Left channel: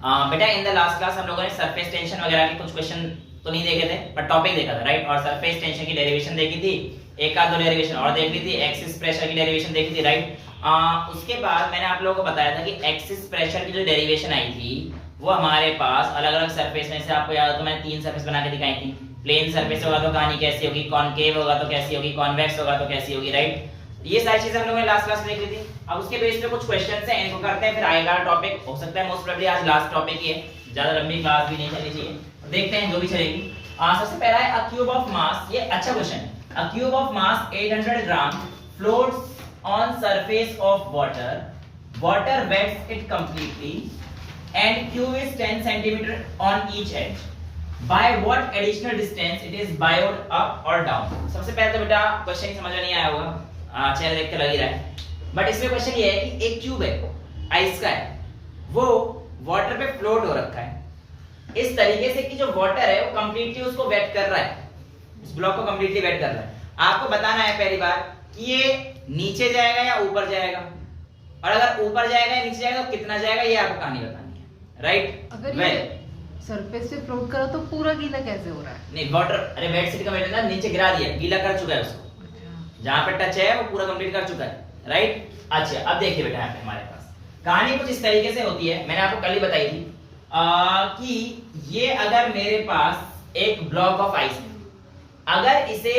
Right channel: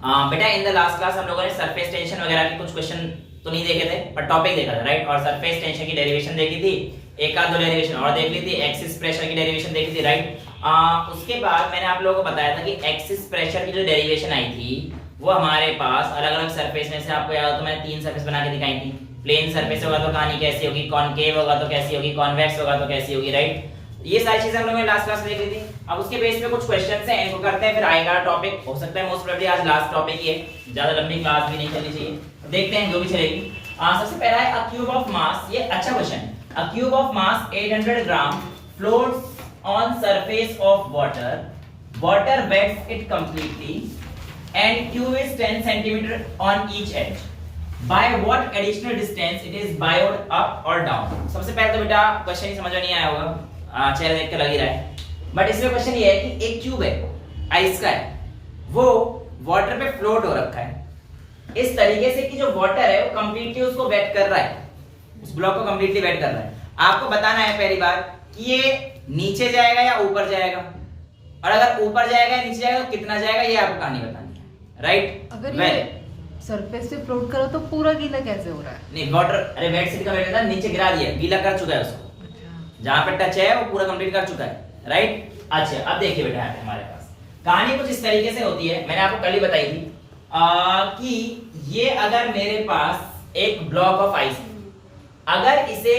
बेटा in the last class हम लोगों ने सरफेस टेंशन वगैरह के कुछ क्वेश्चन तो नहीं देखे थे पर टॉपिक देखा था, राइट। और सरफेस टेंशन की डेरिवेशन देखी थी, एक आध दो डेरिवेशन और देख ली थी, एक्सिस प्रेशर की डेरिवेशन देखी थी, राइट। उसके बाद मैंने आप लोगों को बताया था कि एक्सिस प्रेशर की जो डेरिवेशन आई थी वो हमारे पास अलग अलग सरफेस में से, आपको याद हो तो मैंने 3 सरफेस बना के दिखाई थी। प्लेन सरफेस होगा तो कहानी कैसी होगी, कॉनकेव होगा तो कैसी होगी, कॉन्वेक्स होगा तो कैसी होगी, राइट। ये सारी चीजें हम लोगों ने लास्ट क्लास में देख ली थी। अब उसके बेस पे कुछ क्वेश्चंस हैं, इनको करते हैं, फिर आएगा टॉपिक। हो सकता है मोस्ट प्रोबेबली आज लास्ट टॉपिक ही है, ज्यादा लंबी क्लास भी नहीं चलनी चाहिए, देखते हैं जो भी चलेगी। सबसे पहला है अ क्यूब ऑफ मास, ये अच्छा क्वेश्चन है। A cube of mass 800 gram floats on surface of water, water wets it completely and cube is 10 centimetre on each edge. By what additional distance it is bowed up or down? सबसे पहले तो बेटा question ही समझ में नहीं आया होगा, चेहरा देख के लग ही रहा है, बट इसमें क्वेश्चन ये है कि एक क्यूब है, आइस का है, वो वाटर पे फ्लोट हो रखा है इस तरीके से कि जो वाटर है वो कंप्लीटली उसको वेट कर रहा है, उस ब्लॉक को कंप्लीटली वेट कर रहा है। आपको बताना है पहली बार कि ये नीचे जाएगा या ऊपर जाएगा, और अगर ऊपर जाएगा या नीचे जाएगा तो कितना जाएगा, ये आपको कहानी बतानी है, राइट। अगर सरफेस पे फ्लोट करो तो पूरा गीला कैसे हो रहा है? नहीं वाटर, अरे वेट से का वेट है, नीचे गिरा दिया, गीला कर चुका है उसको, जहां पे टच है वो पूरा कंप्लीट कर चुका है, राइट। अच्छा अब देखिए बेटा यहाँ पे हमारे पास कहानी कुछ इस तरीके से होती है, मैंने आपको कल ही बताई थी कि ये अगर मेरे पास एक ब्लॉक ऑफ आइस है, अगर इसे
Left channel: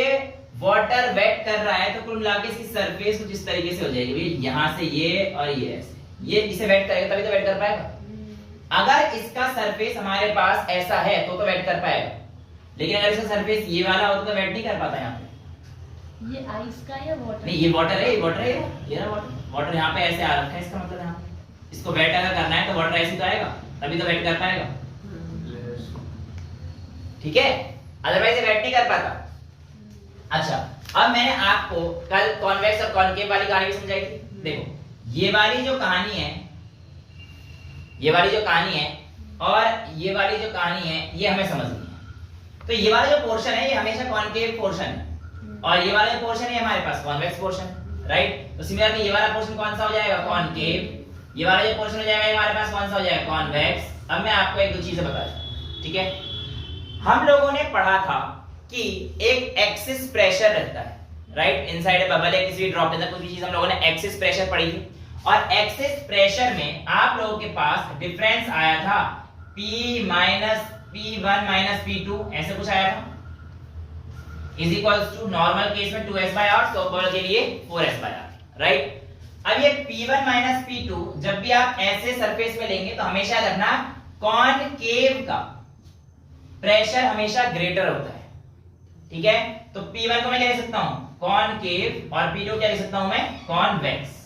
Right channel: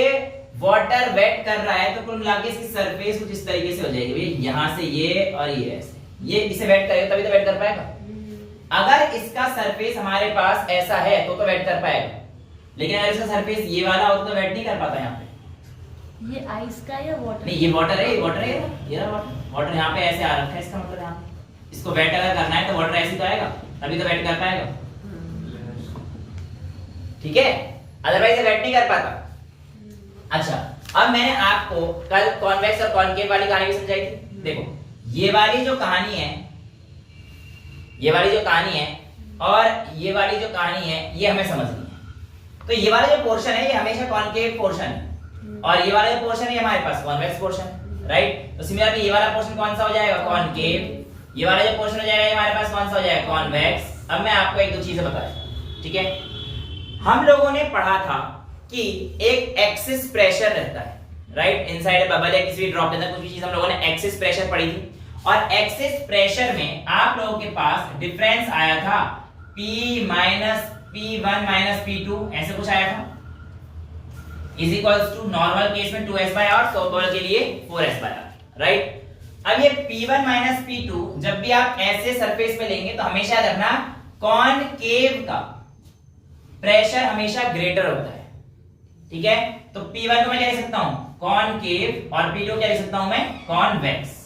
वाटर वेट कर रहा है तो कुल मिला के इसकी सरफेस कुछ इस तरीके से हो जाएगी, यहाँ से ये और ये ऐसे, ये इसे वेट करेगा तभी तो वेट कर पाएगा। अगर इसका सरफेस हमारे पास ऐसा है तो वेट कर पाएगा, लेकिन अगर इसका सरफेस ये वाला हो तो वेट नहीं कर पाता। यहाँ पे ये आइस का या वाटर? नहीं, ये वाटर है, ये वाटर है, ये रहा वाटर। वाटर यहाँ पे ऐसे आ रखा है, इसका मतलब यहाँ पे इसको वेट अगर करना है तो वाटर ऐसे तो आएगा, तभी तो वेट कर पाएगा, ठीक है, अदरवाइज वेट नहीं कर पाता। अच्छा अब मैंने आपको कल कॉन्वेक्स और कॉनकेव वाली कहानी भी समझाई थी। देखो ये वाली जो कहानी है, ये वाली जो कहानी है और ये वाली जो कहानी है, ये हमें समझनी है। तो ये वाला जो पोर्शन है ये हमेशा कॉनकेव पोर्शन है, और ये वाला जो पोर्शन है हमारे पास कॉन्वेक्स पोर्शन, राइट। तो सिमिलरली ये वाला पोर्शन कौन सा हो जाएगा, कॉनकेव। ये वाला जो पोर्शन हो जाएगा ये हमारे पास कौन सा हो जाएगा, कॉन्वेक्स। अब मैं आपको एक दो चीजें बताता, ठीक है। हम लोगों ने पढ़ा था कि एक एक्सिस प्रेशर रहता है, राइट, इनसाइड बबल या किसी भी ड्रॉप के अंदर कुछ भी चीज हम लोगों ने एक्सिस प्रेशर पढ़ी थी, और एक्सिस प्रेशर में आप लोगों के पास डिफरेंस आया था P minus P1 minus P2, ऐसे कुछ आया था, is equals to normal case में 2s बाय r, सॉफ्टवेयर के लिए 4s बाय r, राइट। अब ये P1 माइनस P2 जब भी आप ऐसे सरफेस पे लेंगे तो हमेशा याद रखना कॉनकेव का प्रेशर हमेशा ग्रेटर होता है, ठीक है। तो P1 को मैं क्या लिख सकता हूं, कॉनकेव, और P2 क्या लिख सकता हूं मैं, कॉन्वेक्स।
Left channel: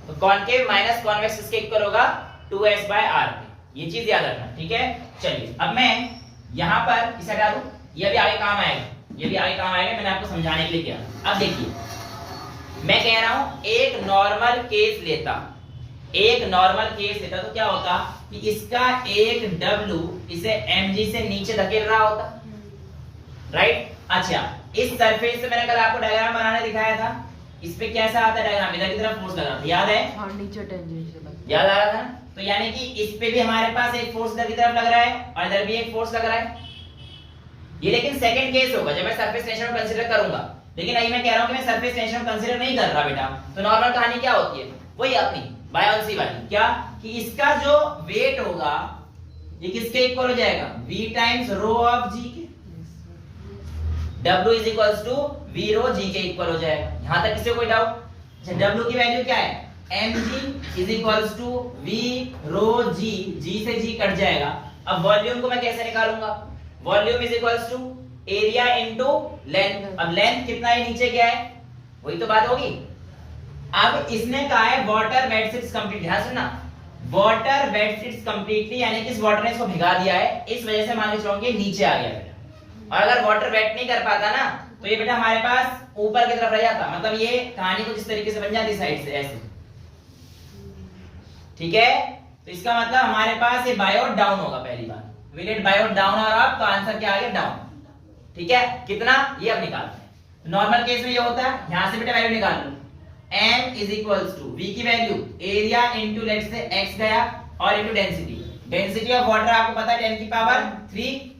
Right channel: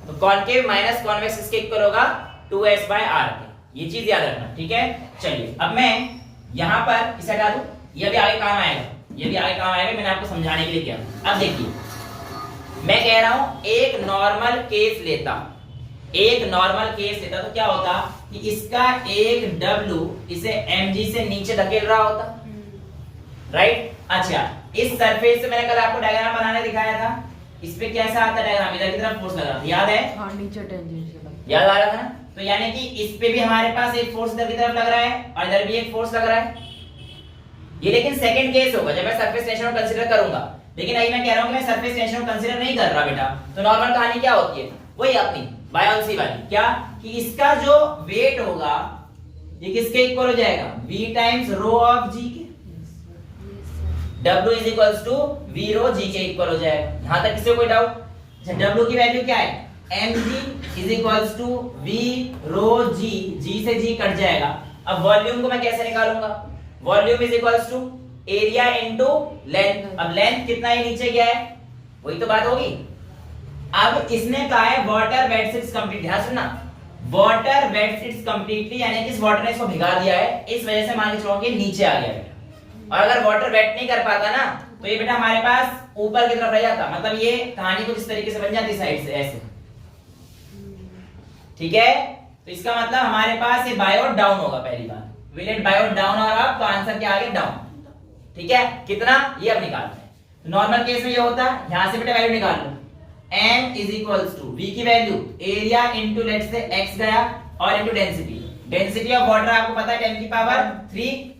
तो कॉनकेव माइनस कॉन्वेक्स इसके इक्वल होगा 2s बाय r के, ये चीज याद रखना, ठीक है। चलिए अब मैं यहां पर इसे हटा दूं, ये भी आगे काम आएगा, ये भी आगे काम आएगा, मैंने आपको समझाने के लिए किया। अब देखिए मैं कह रहा हूं एक नॉर्मल केस लेता, एक नॉर्मल केस लेता तो क्या होता कि इसका एक W इसे mg से नीचे धकेल रहा होता, राइट। अच्छा इस सरफेस से मैंने कल आपको डायग्राम बनाने दिखाया था, इस पे कैसा आता है डायग्राम, इधर की तरफ फोर्स लगा था, याद है, हाँ नीचे टेंजेंशियल याद आ रहा था। तो यानी कि इस पे भी हमारे पास एक फोर्स इधर की तरफ लग रहा है और इधर भी एक फोर्स लग रहा है, ये लेकिन सेकंड केस होगा जब मैं सरफेस टेंशन को कंसीडर करूंगा। लेकिन अभी मैं कह रहा हूं कि मैं सरफेस टेंशन को कंसीडर नहीं कर रहा बेटा, तो नॉर्मल कहानी क्या होती है, वही अपनी बायोन्सी वाली, क्या कि इसका जो वेट होगा ये किसके इक्वल हो जाएगा, v times rho of g के, W is equals to V rho G के इक्वल हो जाएगा। यहां तक किसी को कोई डाउट? अच्छा W की वैल्यू क्या है, mg is equals to V rho G, G से G कट जाएगा। अब वॉल्यूम को मैं कैसे निकालूंगा, volume is equals to area into length. अब लेंथ कितना है, नीचे क्या है, वही तो बात होगी। अब इसने कहा है वाटर वेट्स इट्स कंप्लीटली, ध्यान सुनना, वाटर वेट्स इट्स कंप्लीटली, यानी कि इस वाटर ने इसको भिगा दिया है, इस वजह से मान के चलो कि नीचे आ गया है। और अगर वाटर वेट नहीं कर पाता ना तो ये बेटा हमारे पास ऊपर की तरफ रह जाता, मतलब ये कहानी कुछ इस तरीके से बन जाती साइड से ऐसे, ठीक है। तो इसका मतलब हमारे पास ये बायो डाउन होगा पहली बार, विल इट बायो डाउन और अप, तो आंसर क्या आ गया, डाउन, ठीक है। कितना, ये अब निकालते हैं। नॉर्मल केस में ये होता है, यहां से बेटा वैल्यू निकाल लो, m is equals to v की value area into let's say x गया और into density, density of water आपको पता है 10 की पावर 3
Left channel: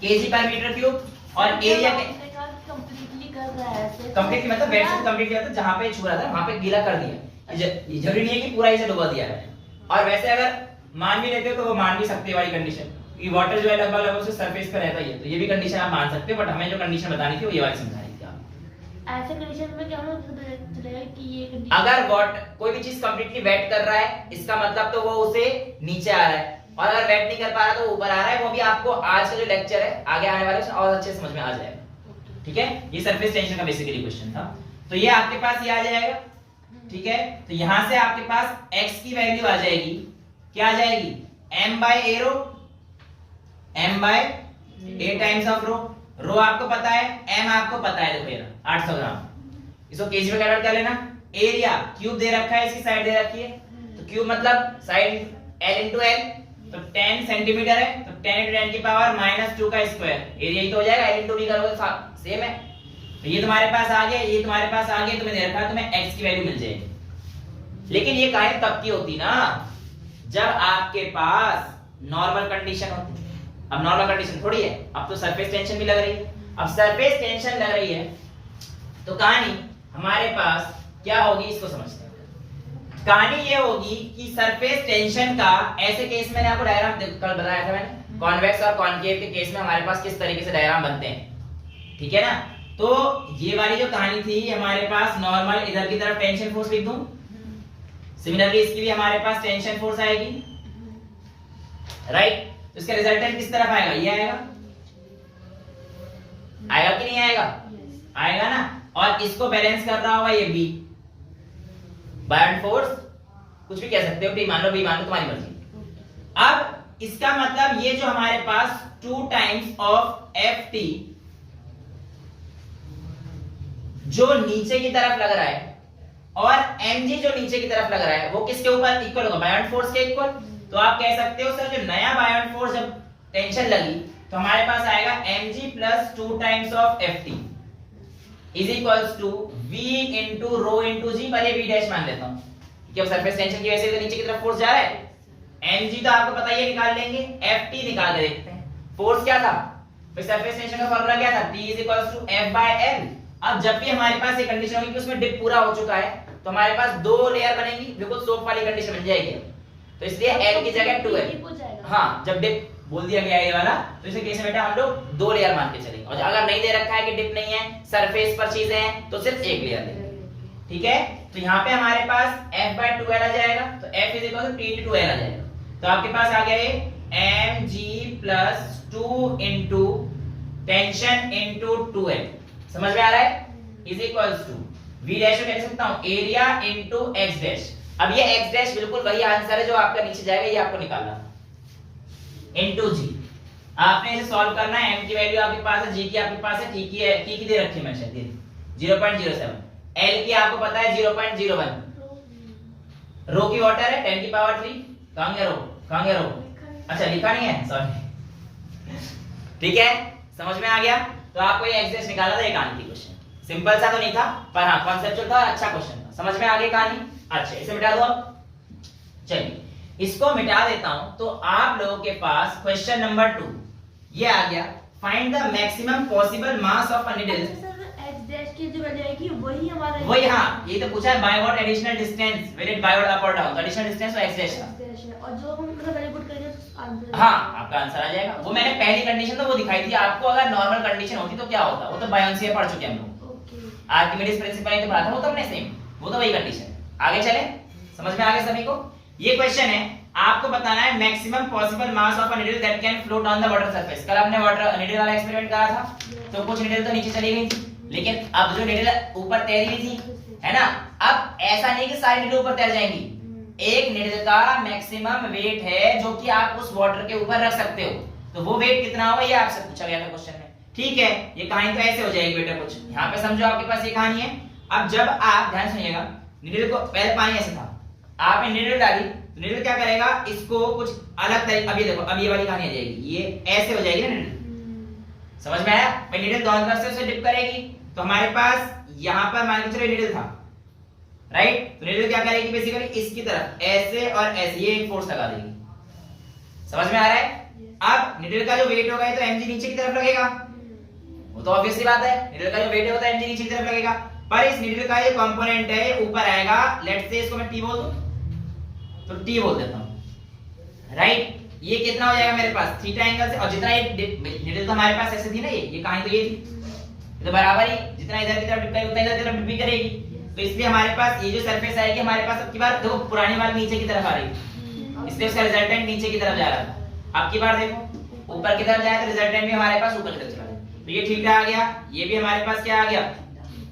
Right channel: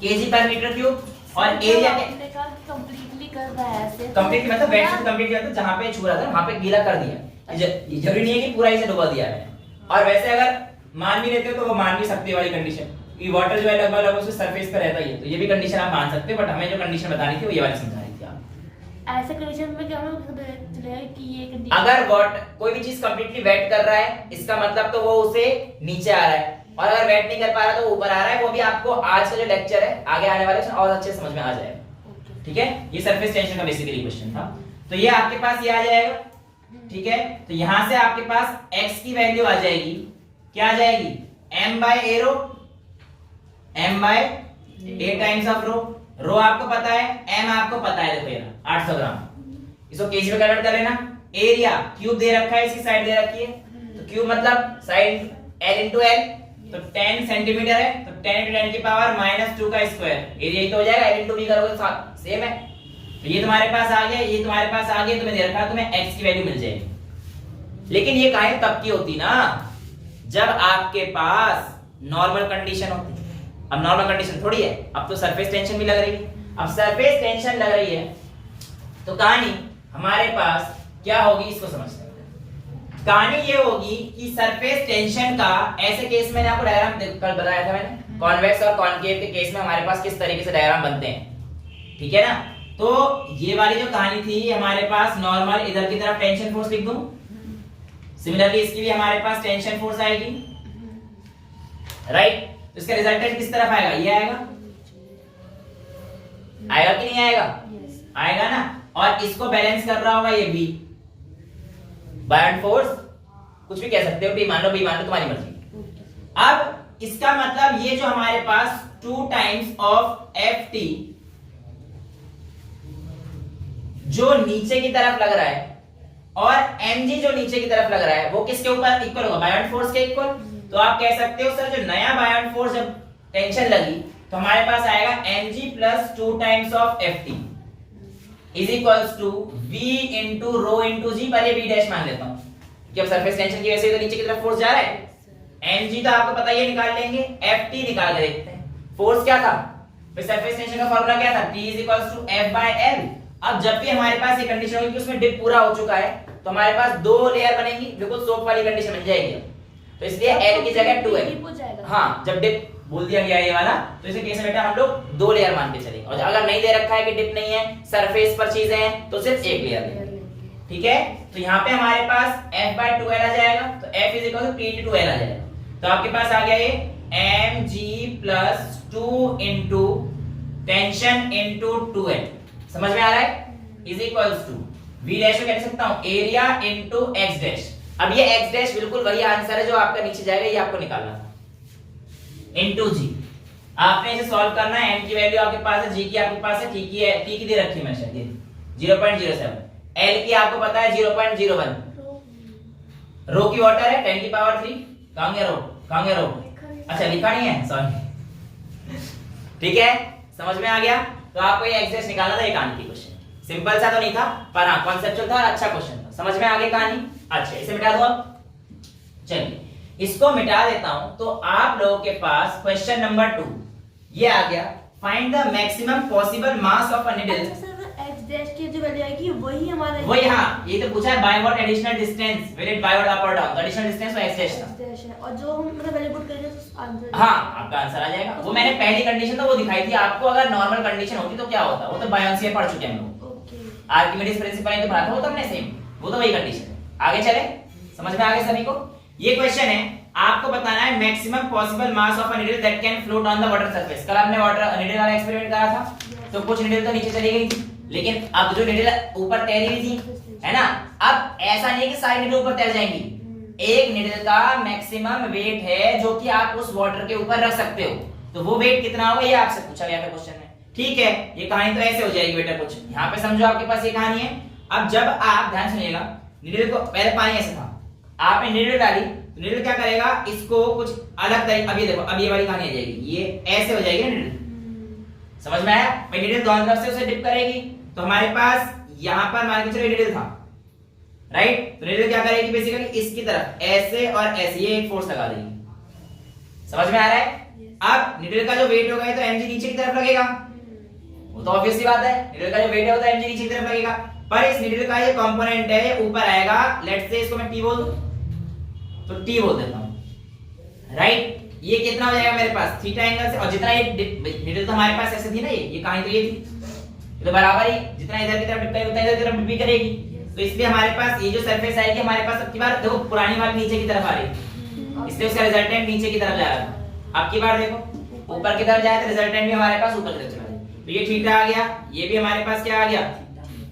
kg पर मीटर क्यूब, और एरिया कंप्लीटली कर रहा है ऐसे, कंप्लीट मतलब वेट से कंप्लीट किया, तो जहां पे छू रहा था वहां पे गीला कर दिया। ये जरूरी नहीं है कि पूरा इसे डुबा दिया है। और वैसे अगर मान भी लेते हो तो वो मान भी सकते हैं वाली कंडीशन कि वाटर जो है लगभग लगभग उसके सरफेस पर रहता ही है, तो ये भी कंडीशन आप मान सकते हो, बट हमें जो कंडीशन बतानी थी वो ये वाली समझा रही थी आप। ऐसे कंडीशन में क्या हम चलेगा कि ये कंडीशन अगर वाटर कोई भी चीज कंप्लीटली वेट कर रहा है, इसका मतलब तो वो उसे नीचे आ रहा है, और अगर वेट नहीं कर पा रहा तो ऊपर आ रहा है। वो भी आपको आज का जो लेक्चर है आगे आने वाले और अच्छे से समझ में आ जाएगा। ठीक है, ये सरफेस टेंशन का बेसिकली क्वेश्चन था। तो ये आपके पास ये आ जाएगा। ठीक है, तो यहां से आपके पास x की वैल्यू आ जाएगी, क्या आ जाएगी, m by a rho, m by a times of rho. Rho आपको पता है, m आपको पता है, देखो ये 800 ग्राम, इसको केजी में कन्वर्ट कर लेना। एरिया क्यूब दे रखा है, इसकी साइड दे रखी है, तो क्यूब मतलब साइड l इंटू l, तो 10 सेंटीमीटर है, तो 10 इंटू 10 की पावर -2 का स्क्वायर, एरिया ही तो हो जाएगा, l इंटू b करोगे सेम है। तो ये तुम्हारे पास आ गया, ये तुम्हारे पास आ गया, तुम्हें दे रखा है, तुम्हें x की वैल्यू मिल जाएगी। लेकिन ये कहानी तब की होती ना जब आपके पास नॉर्मल कंडीशन होती। अब नॉर्मल कंडीशन थोड़ी है, अब तो सरफेस टेंशन भी लग रही है। अब सरफेस टेंशन लग रही है तो कहानी हमारे पास क्या होगी, इसको समझते हैं। कहानी ये होगी कि सरफेस टेंशन का ऐसे केस में, आपको डायग्राम कल बताया था मैंने, कॉन्वेक्स और कॉनकेव के केस में हमारे पास किस तरीके से डायग्राम बनते हैं। ठीक है ना, तो ये वाली जो कहानी थी हमारे पास नॉर्मल, इधर की तरफ टेंशन फोर्स लिख दूं, सिमिलरली इसकी भी हमारे पास टेंशन फोर्स आएगी, राइट। तो इसका रिजल्टेंट किस तरफ आएगा, ये आएगा, आएगा कि नहीं आएगा, आएगा ना। और इसको बैलेंस कर रहा होगा ये बी, बायन फोर्स, कुछ भी कह सकते हो, बी मान लो तुम्हारी मर्जी। अब इसका मतलब ये जो हमारे पास 2 टाइम्स ऑफ एफ टी जो नीचे की तरफ लग रहा है, और mg जो नीचे की तरफ लग रहा है, वो किसके ऊपर इक्वल होगा, बायोन फोर्स के इक्वल। तो आप कह सकते हो सर जो नया बायोन फोर्स जब टेंशन लगी तो हमारे पास आएगा mg plus 2 times of ft is equals to v into rho into G, पर ये v डैश मान लेता हूं क्योंकि अब सरफेस टेंशन की वजह से तो नीचे की तरफ फोर्स जा रहा है। mg तो आपको पता ही है, निकाल लेंगे, ft निकाल के देखते हैं। फोर्स क्या था भाई, सरफेस टेंशन का फार्मूला क्या था, t is equals to f by l। अब जब भी हमारे पास ये कंडीशन होगी कि उसमें डिप पूरा हो चुका है, तो हमारे पास 2 लेयर बनेंगी, बिल्कुल सोप वाली कंडीशन बन जाएगी। तो इसलिए l की जगह 2 है। हाँ, जब डिप बोल दिया गया ये वाला, तो इसे कैसे बेटा हम लोग 2 लेयर मान के चलेंगे, और अगर नहीं दे रखा है कि डिप नहीं है, सरफेस पर चीजें हैं, तो सिर्फ एक लेयर लेंगे। ठीक है, तो यहाँ पे हमारे पास f बाय 2l आ जाएगा, तो f is equal to t into 2l आ जाएगा। तो आपके पास आ गया ये mg plus 2 into tension into 2l, समझ में आ रहा है, is equals to v dash को कह सकता हूं एरिया इनटू x डैश। अब ये x डैश बिल्कुल वही आंसर है जो आपका नीचे जाएगा, ये आपको निकालना था, इनटू g। आपने इसे सॉल्व करना है, m की वैल्यू आपके पास है, g की आपके पास है, t की दे रखी है मैंने शायद 0.07, l की आपको पता है 0.01, रो की वाटर है 10 की पावर 3, कहां गया रो, अच्छा लिखा नहीं है, सॉरी। ठीक है, समझ में आ गया। तो आपको ये x डैश निकालना था, ये कहानी की क्वेश्चन, सिंपल सा तो नहीं था पर हाँ कॉन्सेप्चुअल था और अच्छा क्वेश्चन था, समझ में आ गई कहानी। अच्छा, इसे मिटा दो अब, चलिए इसको मिटा देता हूं। तो आप लोगों के पास क्वेश्चन नंबर 2 ये आ गया, find the maximum possible mass of a needle. x dash की जो वैल्यू आएगी वही हमारा, वही, हाँ ये तो पूछा है, by what additional distance will it by what up और डाउन, एडिशनल डिस्टेंस वो x डैश था, और जो हम मतलब वैल्यू पुट करेंगे तो आंसर, हाँ आपका आंसर आ जाएगा। वो मैंने पहली कंडीशन तो वो दिखाई थी आपको, अगर नॉर्मल कंडीशन होती तो क्या होता, वो तो बायोंसी पढ़ चुके हैं हम लोग, आर्किमिडीज प्रिंसिपल ही तो पढ़ा था वो तो हमने सेम, वो तो वही कंडीशन है। आगे चले, समझ में आ गया सभी को। ये क्वेश्चन है, आपको बताना है maximum possible mass of a needle that can float on the water surface. कल हमने वाटर नीडल वाला एक्सपेरिमेंट करा था, तो कुछ नीडल तो नीचे चली गई थी, लेकिन अब जो नीडल ऊपर तैर रही थी, है ना, अब ऐसा नहीं है कि सारी नीडल ऊपर तैर जाएंगी। एक नीडल का मैक्सिमम वेट है जो कि आप उस वाटर के ऊपर रख सकते हो, तो वो वेट कितना होगा ये आपसे पूछा गया था क्वेश्चन में। ठीक है, ये कहानी तो ऐसे हो जाएगी बेटा, कुछ यहाँ पे समझो, आपके पास ये कहानी है। अब जब आप ध्यान सुनिएगा, नीडल को पहले पानी ऐसे था, आपने नीडल डाली, तो नीडल क्या करेगा, इसको कुछ अलग तरीके, अब ये देखो, अब ये वाली कहानी आ जाएगी, ये ऐसे हो जाएगी ना नीडल, समझ में आया भाई। नीडल दोनों तरफ से उसे डिप करेगी, तो हमारे पास यहाँ पर मान के चलो नीडल था, राइट, तो नीडल क्या करेगी बेसिकली इसकी तरफ ऐसे और ऐसे, ये एक फोर्स लगा देगी, समझ में आ रहा है? Yes. अब नीडल का जो वेट होगा ये तो mg नीचे की तरफ लगेगा, वो तो ऑब्वियसली बात है, नीडल का जो वेट है वो तो mg नीचे की तरफ लगेगा, पर इस नीडल का ये कंपोनेंट है ये ऊपर आएगा, लेट्स से इसको मैं t बोल दूं तो t बोल देता हूं, राइट? ये कितना हो जाएगा मेरे पास थीटा एंगल से, और जितना ये नीडल तो हमारे पास ऐसे थी ना, ये कहां तो ये थी, तो बराबर ही जितना इधर की तरफ डिप करेगी उतना इधर की तरफ डिप भी करेगी, तो इसलिए हमारे पास ये जो सरफेस आएगी हमारे पास, अब की बार देखो पुरानी वाली नीचे की तरफ आ रही है, इसलिए उसका रिजल्टेंट नीचे की तरफ जा रहा था, अब की बार देखो ऊपर की तरफ जाए तो रिजल्टेंट भी हमारे पास ऊपर की तरफ चला गया, तो ये थीटा आ गया, ये भी हमारे पास क्या आ गया,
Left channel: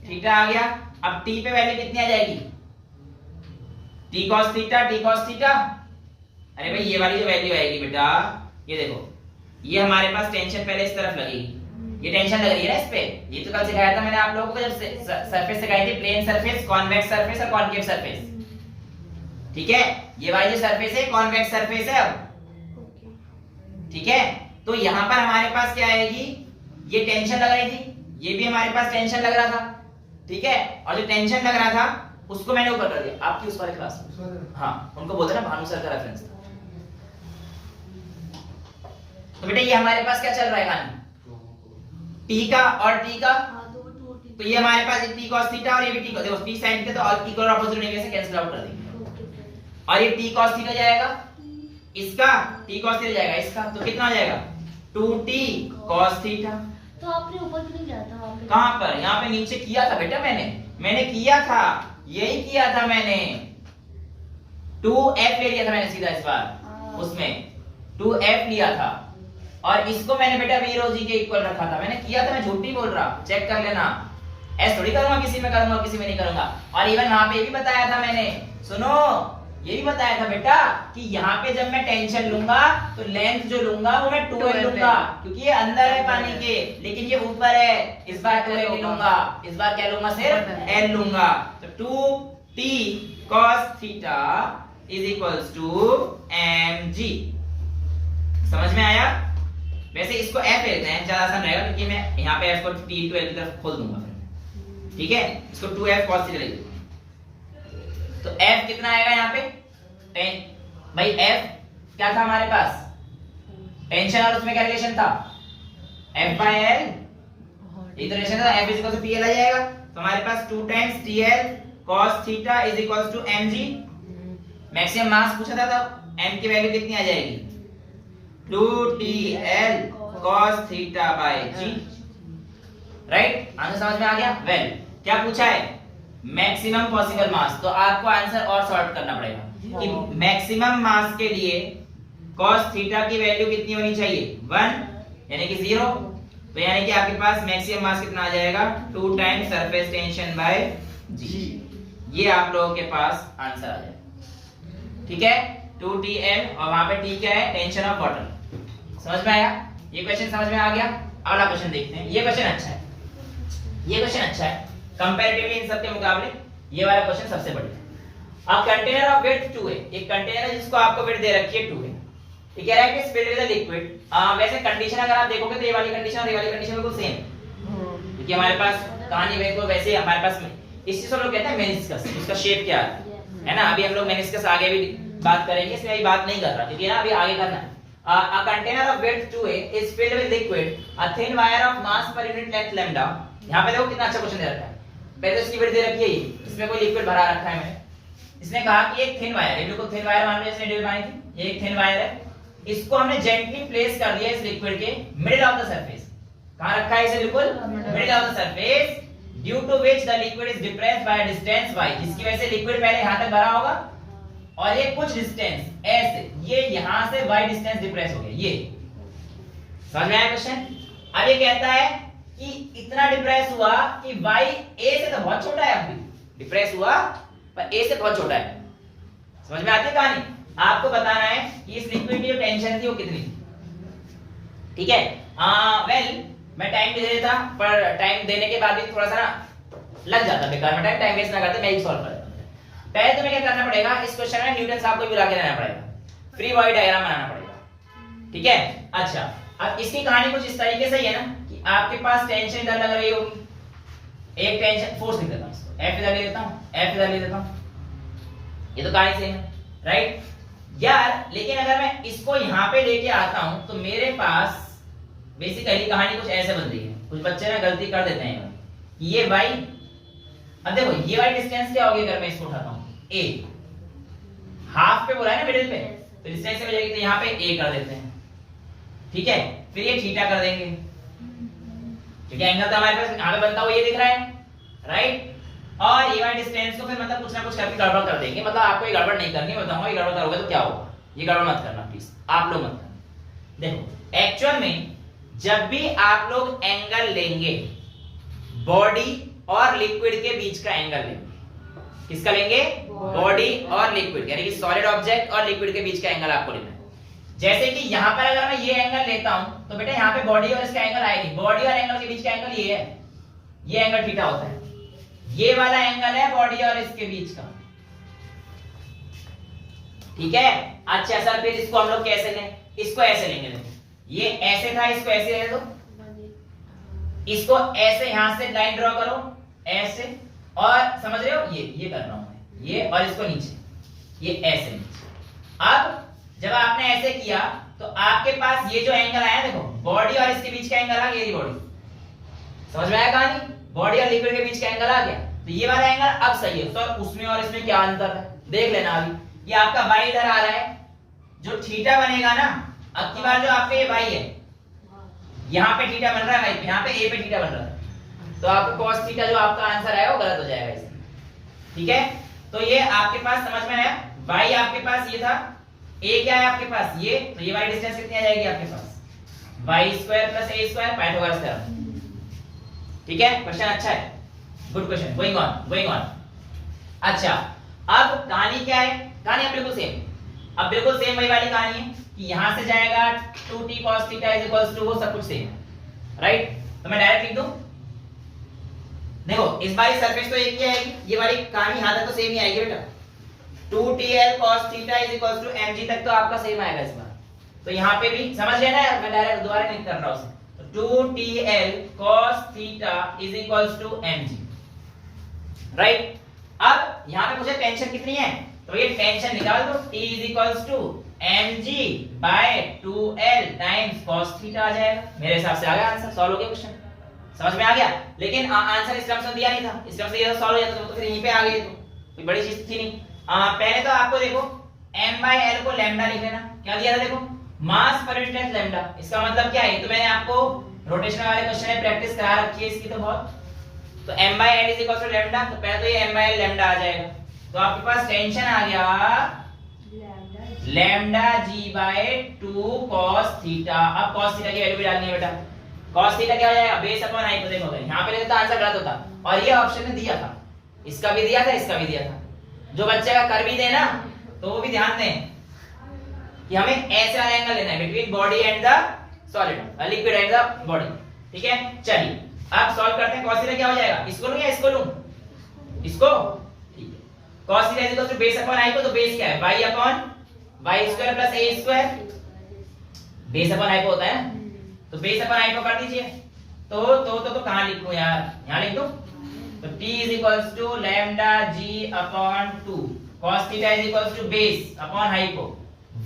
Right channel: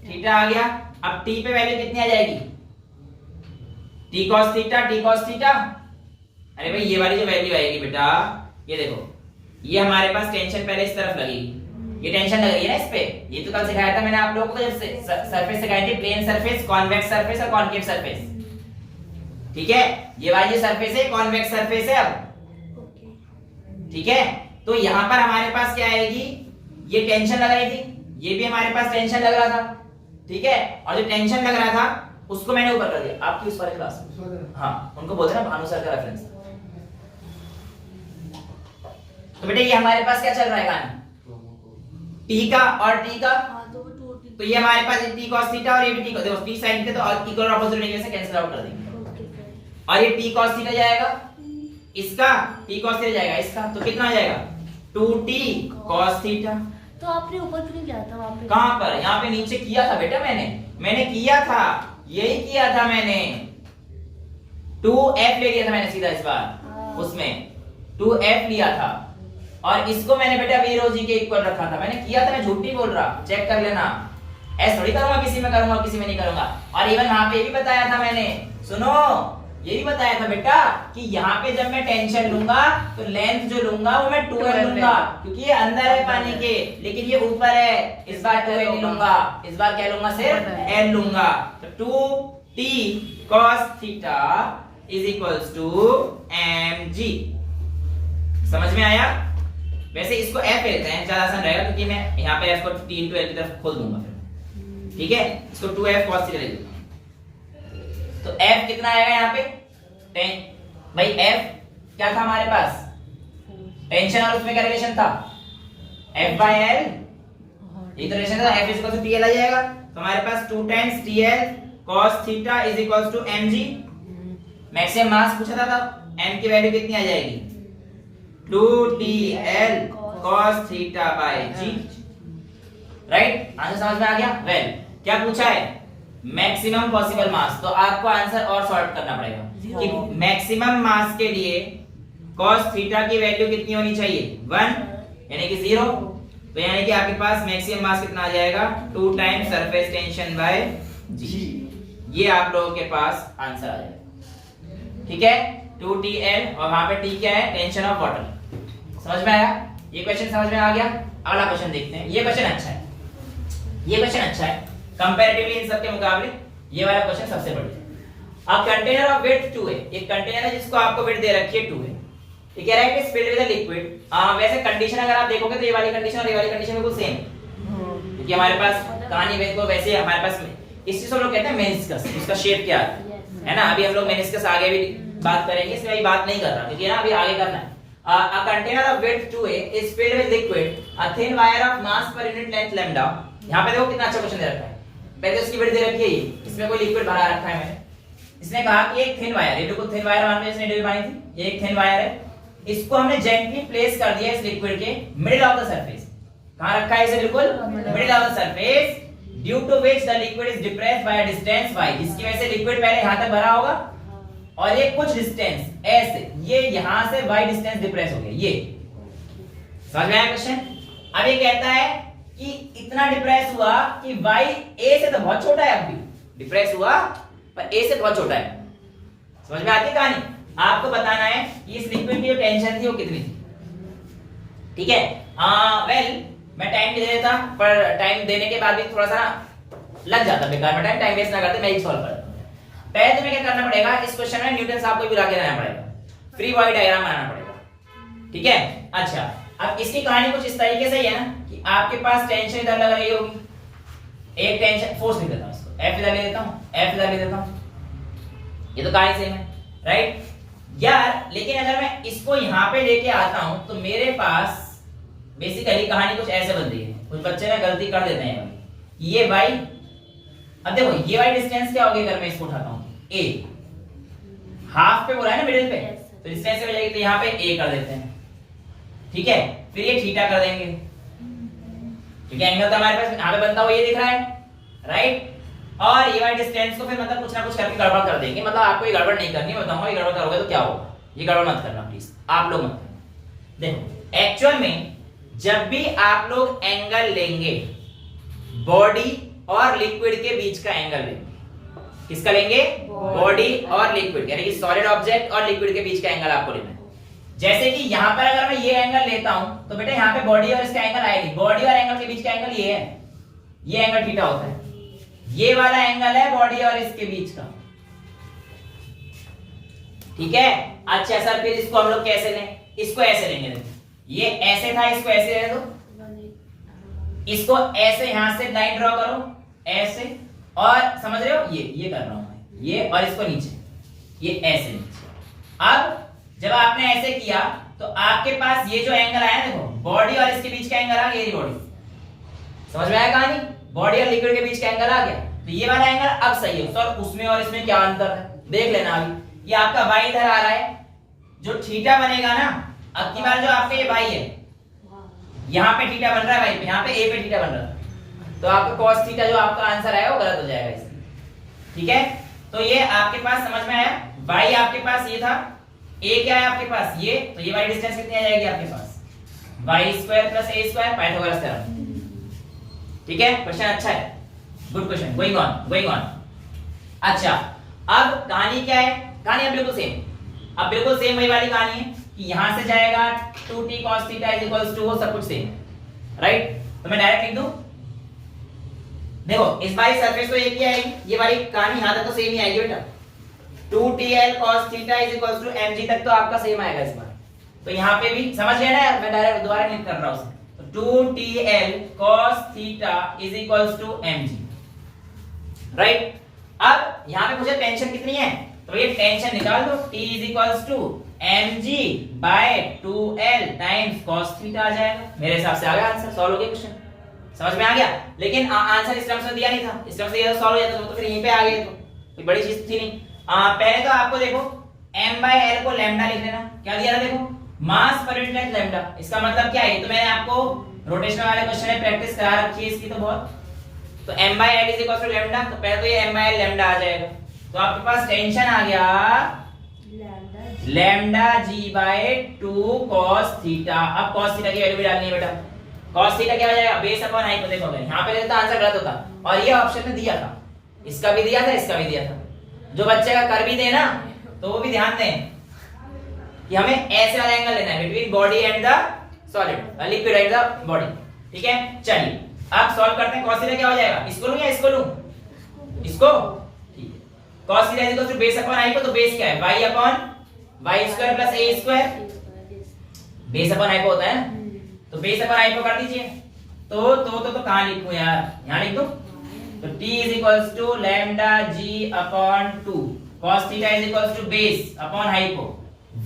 थीटा आ गया। अब t पे वैल्यू कितनी आ जाएगी, t cos थीटा, अरे भाई ये वाली जो वैल्यू आएगी बेटा, ये देखो ये हमारे पास टेंशन पहले इस तरफ लगेगी, ये टेंशन लग रही है ना इस पे, ये तो कल सिखाया था मैंने आप लोगों को जब सरफेस सिखाई थी, प्लेन सरफेस, कॉन्वेक्स सरफेस और कॉनकेव सरफेस, ठीक है? ये वाली जो सरफेस है कॉन्वेक्स सरफेस है अब, ठीक है? तो यहाँ पर हमारे पास क्या आएगी, ये टेंशन लग रही थी, ये भी हमारे पास टेंशन लग रहा था, ठीक है? और जो टेंशन लग रहा था उसको मैंने ऊपर कर दिया, आपकी उस वाले क्लास, हाँ उनको बोलते हैं ना भानु सर का रेफरेंस। तो बेटा ये हमारे पास क्या चल रहा है कहानी, t का और t का, हाँ, तो वो 2t तो ये हमारे पास t cos थीटा और ये भी t cos, देखो t sin थे तो और t को अपोजिट लेंगे से कैंसिल आउट कर देंगे, और ये t cos थीटा जाएगा इसका, t cos थीटा जाएगा इसका, तो कितना हो जाएगा 2t cos थीटा। तो आपने ऊपर क्यों किया था वहां पे? कहां पर, यहाँ पे नीचे किया था बेटा, मैंने किया था, यही किया था मैंने, 2f ले लिया था मैंने सीधा इस बार, उसमें 2f लिया था, और इसको मैंने बेटा v rho g के इक्वल रखा था, मैंने किया था, मैं झूठ नहीं बोल रहा, चेक कर लेना, ऐसे थोड़ी करूंगा किसी में करूंगा किसी में नहीं करूंगा। और इवन वहां पे ये भी बताया था मैंने, सुनो ये भी बताया था बेटा कि यहाँ पे जब मैं टेंशन लूंगा तो लेंथ जो लूंगा वो मैं 2l लूंगा, क्योंकि ये अंदर है पानी के, लेकिन ये ऊपर है, इस बार 2l नहीं लूंगा, इस बार क्या लूंगा, सिर्फ l लूंगा, तो 2t cos theta is equals to mg। समझ में आया? वैसे इसको f लेते हैं, ज्यादा आसान रहेगा, क्योंकि मैं यहाँ पे f को t into l की तरफ खोल दूंगा, ठीक है? इसको 2f cos थीटा लेंगे, तो f कितना आएगा यहाँ पे, भाई f क्या था हमारे पास, टेंशन, और उसमें क्या रिलेशन था, f by l, ये तो रिलेशन था, f is equal to tl आ जाएगा, तो हमारे पास 2 times tl cos theta is equals to mg। Maximum mass पूछा था तब, m की वैल्यू कितनी आ जाएगी, 2tl cos theta by g, right? Answer समझ में आ गया? वेल, क्या पूछा है, मैक्सिमम पॉसिबल मास, तो आपको आंसर और सॉर्ट करना पड़ेगा कि मैक्सिमम मास के लिए cos थीटा की वैल्यू कितनी होनी चाहिए, 1 यानी कि 0, तो यानी कि आपके पास मैक्सिमम मास कितना आ जाएगा, 2 times surface tension by g, ये आप लोगों के पास आंसर आ जाएगा, ठीक है? 2tl और वहां पे t क्या है, टेंशन ऑफ वाटर। समझ में आया? ये क्वेश्चन समझ में आ गया? अगला क्वेश्चन देखते हैं, ये क्वेश्चन अच्छा है, ये क्वेश्चन अच्छा है कंपैरेटिवली इन सब के मुकाबले, ये वाला क्वेश्चन सबसे बढ़िया। अब कंटेनर ऑफ विड्थ 2 है, एक कंटेनर है जिसको आपको विड्थ दे रखी है 2 है, ये कह रहा है कि फिल्ड विद अ लिक्विड, वैसे कंडीशन अगर आप देखोगे तो ये वाली कंडीशन और ये वाली कंडीशन बिल्कुल सेम है, क्योंकि हमारे पास कहानी बिल्कुल वैसे हमारे पास इस चीज को लोग कहते हैं मेनिस्कस, उसका शेप क्या है ना, अभी हम लोग मेनिस्कस आगे भी बात करेंगे, इसमें अभी बात नहीं कर रहा क्योंकि ना अभी आगे करना है। A container of width 2a is filled with liquid, a thin wire of mass per unit length lambda। यहाँ पे देखो कितना अच्छा क्वेश्चन दे रखा है, पहले इसकी विड्थ दे रखी है, इसमें कोई लिक्विड भरा रखा है मैंने, इसने कहा कि एक थिन वायर, ये बिल्कुल थिन वायर मान लो इसने डिवाइन थी, ये एक थिन वायर है, इसको हमने जेंटली प्लेस कर दिया इस लिक्विड के मिडिल ऑफ द सरफेस। कहां रखा है इसे, बिल्कुल middle of the surface, due to which the liquid is depressed by a distance y, जिसकी वजह से लिक्विड पहले यहां तक भरा होगा और ये कुछ डिस्टेंस ऐसे, ये यहां से y डिस्टेंस डिप्रेस हो गया, ये समझ में आया क्वेश्चन? अब ये कहता है कि इतना डिप्रेस हुआ कि y a से तो बहुत छोटा है, अब भी डिप्रेस हुआ पर a से बहुत छोटा है। समझ में आती है कहानी? आपको बताना है कि इस लिक्विड की जो टेंशन थी वो कितनी थी, ठीक है? वेल मैं टाइम भी दे देता, पर टाइम देने के बाद भी थोड़ा सा लग जाता बेकार में, टाइम वेस्ट ना करते, मैं ही सॉल्व करता हूं। पहले तुम्हें क्या करना पड़ेगा, इस क्वेश्चन में न्यूटन साहब को भी ला के लाना पड़ेगा, फ्री बॉडी डायग्राम बनाना पड़ेगा, ठीक है? अच्छा, अब इसकी कहानी कुछ इस तरीके से ही है ना कि आपके पास टेंशन इधर लग रही होगी, एक टेंशन फोर्स लिख देता हूं, F इधर ले देता हूं, F इधर ले देता हूं, ये तो कहानी सेम है, राइट? यार लेकिन अगर मैं इसको यहाँ पे लेके आता हूं तो मेरे पास बेसिकली कहानी कुछ ऐसे बन रही है। कुछ बच्चे ना गलती कर देते हैं ये भाई, अब देखो ये वाली डिस्टेंस क्या होगी अगर मैं इसको उठाता हूँ a, हाफ पे बोला है ना मिडिल पे, तो डिस्टेंस हो जाएगी, तो यहाँ पे a कर देते हैं, ठीक है। फिर ये थीटा कर देंगे क्योंकि एंगल तो हमारे पास यहाँ पे बनता हुआ ये दिख रहा है, राइट। और ये वाली डिस्टेंस को फिर मतलब कुछ ना कुछ करके गड़बड़ कर देंगे, मतलब आपको ये गड़बड़ नहीं करनी, मैं बताऊंगा ये गड़बड़ करोगे तो क्या होगा, ये गड़बड़ मत करना प्लीज, आप लोग मत करना। देखो एक्चुअल में जब भी आप लोग एंगल लेंगे बॉडी और लिक्विड के बीच का एंगल लेंगे, किसका लेंगे, बॉडी और लिक्विड, यानी कि सॉलिड ऑब्जेक्ट और लिक्विड के बीच का एंगल आपको लेना है। जैसे कि यहां पर अगर मैं ये एंगल लेता हूं तो बेटा यहां पे बॉडी और इसका एंगल आएगी, बॉडी और एंगल के बीच का एंगल ये है, ये एंगल थीटा होता है, ये वाला एंगल है बॉडी और इसके बीच का, ठीक है। अच्छा सर फिर इसको हम लोग कैसे लें, इसको ऐसे लेंगे, देखो ये ऐसे था, इसको ऐसे रहने दो, इसको ऐसे यहां से लाइन ड्रॉ करो ऐसे, और समझ रहे हो ये कर रहा हूं मैं, ये और इसको नीचे, ये ऐसे नीचे। अब जब आपने ऐसे किया तो आपके पास ये जो एंगल आया, देखो बॉडी और इसके बीच का एंगल आ गया, ये बॉडी, समझ में आया कहानी, बॉडी और लिक्विड के बीच का एंगल आ गया, तो ये वाला एंगल अब सही है। सर उसमें और इसमें क्या अंतर है, देख लेना। अभी ये आपका y इधर आ रहा है, जो थीटा बनेगा ना, अब की बार जो आपका ये y है, यहाँ पे थीटा बन रहा है y पे, यहाँ पे a पे थीटा बन रहा है, तो आपका cos थीटा जो आपका आंसर आएगा वो गलत हो जाएगा इसमें, ठीक है। तो ये आपके पास समझ में आया, y आपके पास ये था, a क्या है आपके पास ये, तो ये वाली डिस्टेंस कितनी आ जाएगी आपके पास, y² + a², पाइथागोरस थ्योरम, ठीक है। क्वेश्चन अच्छा है, गुड क्वेश्चन, गोइंग ऑन। अच्छा अब कहानी क्या है, कहानी अब बिल्कुल सेम, अब बिल्कुल सेम वही वाली कहानी है कि यहां से जाएगा 2t cos theta is equals to, वो सब कुछ सेम है, राइट। तो मैं डायरेक्ट लिख दूं, देखो इस बारी सरफेस तो एक ही आएगी, ये वाली कहानी यहां तक तो सेम ही आएगी बेटा, 2tl cos theta is equals to mg तक तो आपका सेम आएगा इस बार, तो यहां पे भी समझ लेना यार, मैं डायरेक्ट दोबारा नहीं कर रहा हूं, 2tl cos theta is equals to mg, right. अब यहां पे मुझे टेंशन कितनी है, तो ये टेंशन निकाल दो, t is equals to mg by 2l times cos theta आ जाएगा, मेरे हिसाब से आ गया आंसर, सॉल्व हो गया क्वेश्चन, समझ में आ गया। लेकिन आंसर इस टर्म्स में दिया नहीं था, इस टर्म्स से ये सॉल्व हो जाता तो फिर यहीं पे आ गए, तो कोई बड़ी चीज थी नहीं। पहले तो आपको देखो m/l को लैम्डा लिख लेना, क्या दिया था देखो, मास पर यूनिट लेंथ लैम्डा, इसका मतलब क्या है, तो मैंने आपको रोटेशनल वाले क्वेश्चन में प्रैक्टिस करा रखी है इसकी तो बहुत, तो m/l is equal to lambda, तो पहले तो ये m/l लैम्डा आ जाएगा, तो आपके पास टेंशन आ गया lambda g by 2 cos theta. अब cos थीटा की वैल्यू भी डालनी है बेटा, cos थीटा क्या हो जाएगा, बेस अपॉन हाइपो, देखो अगर यहां पे रहता आंसर गलत होता, और ये ऑप्शन में दिया था, इसका भी दिया था, इसका भी दिया था, जो बच्चे का कर भी दे ना तो वो भी ध्यान दें कि हमें ऐसे वाला एंगल लेना है between body and the solid, liquid and the body, ठीक है। चलिए अब सॉल्व करते हैं, cos थीटा क्या हो जाएगा, इसको लूं या इसको लूं, इसको, ठीक है। cos theta is equal to base upon hypo, तो बेस क्या है y upon y² + a², base upon hypo होता है ना, तो बेस अपॉन हाइपो कर दीजिए, तो कहां लिखूं यार, यहां लिख दूं, तो t is equals to lambda g upon 2 cos theta is equals to base upon hypo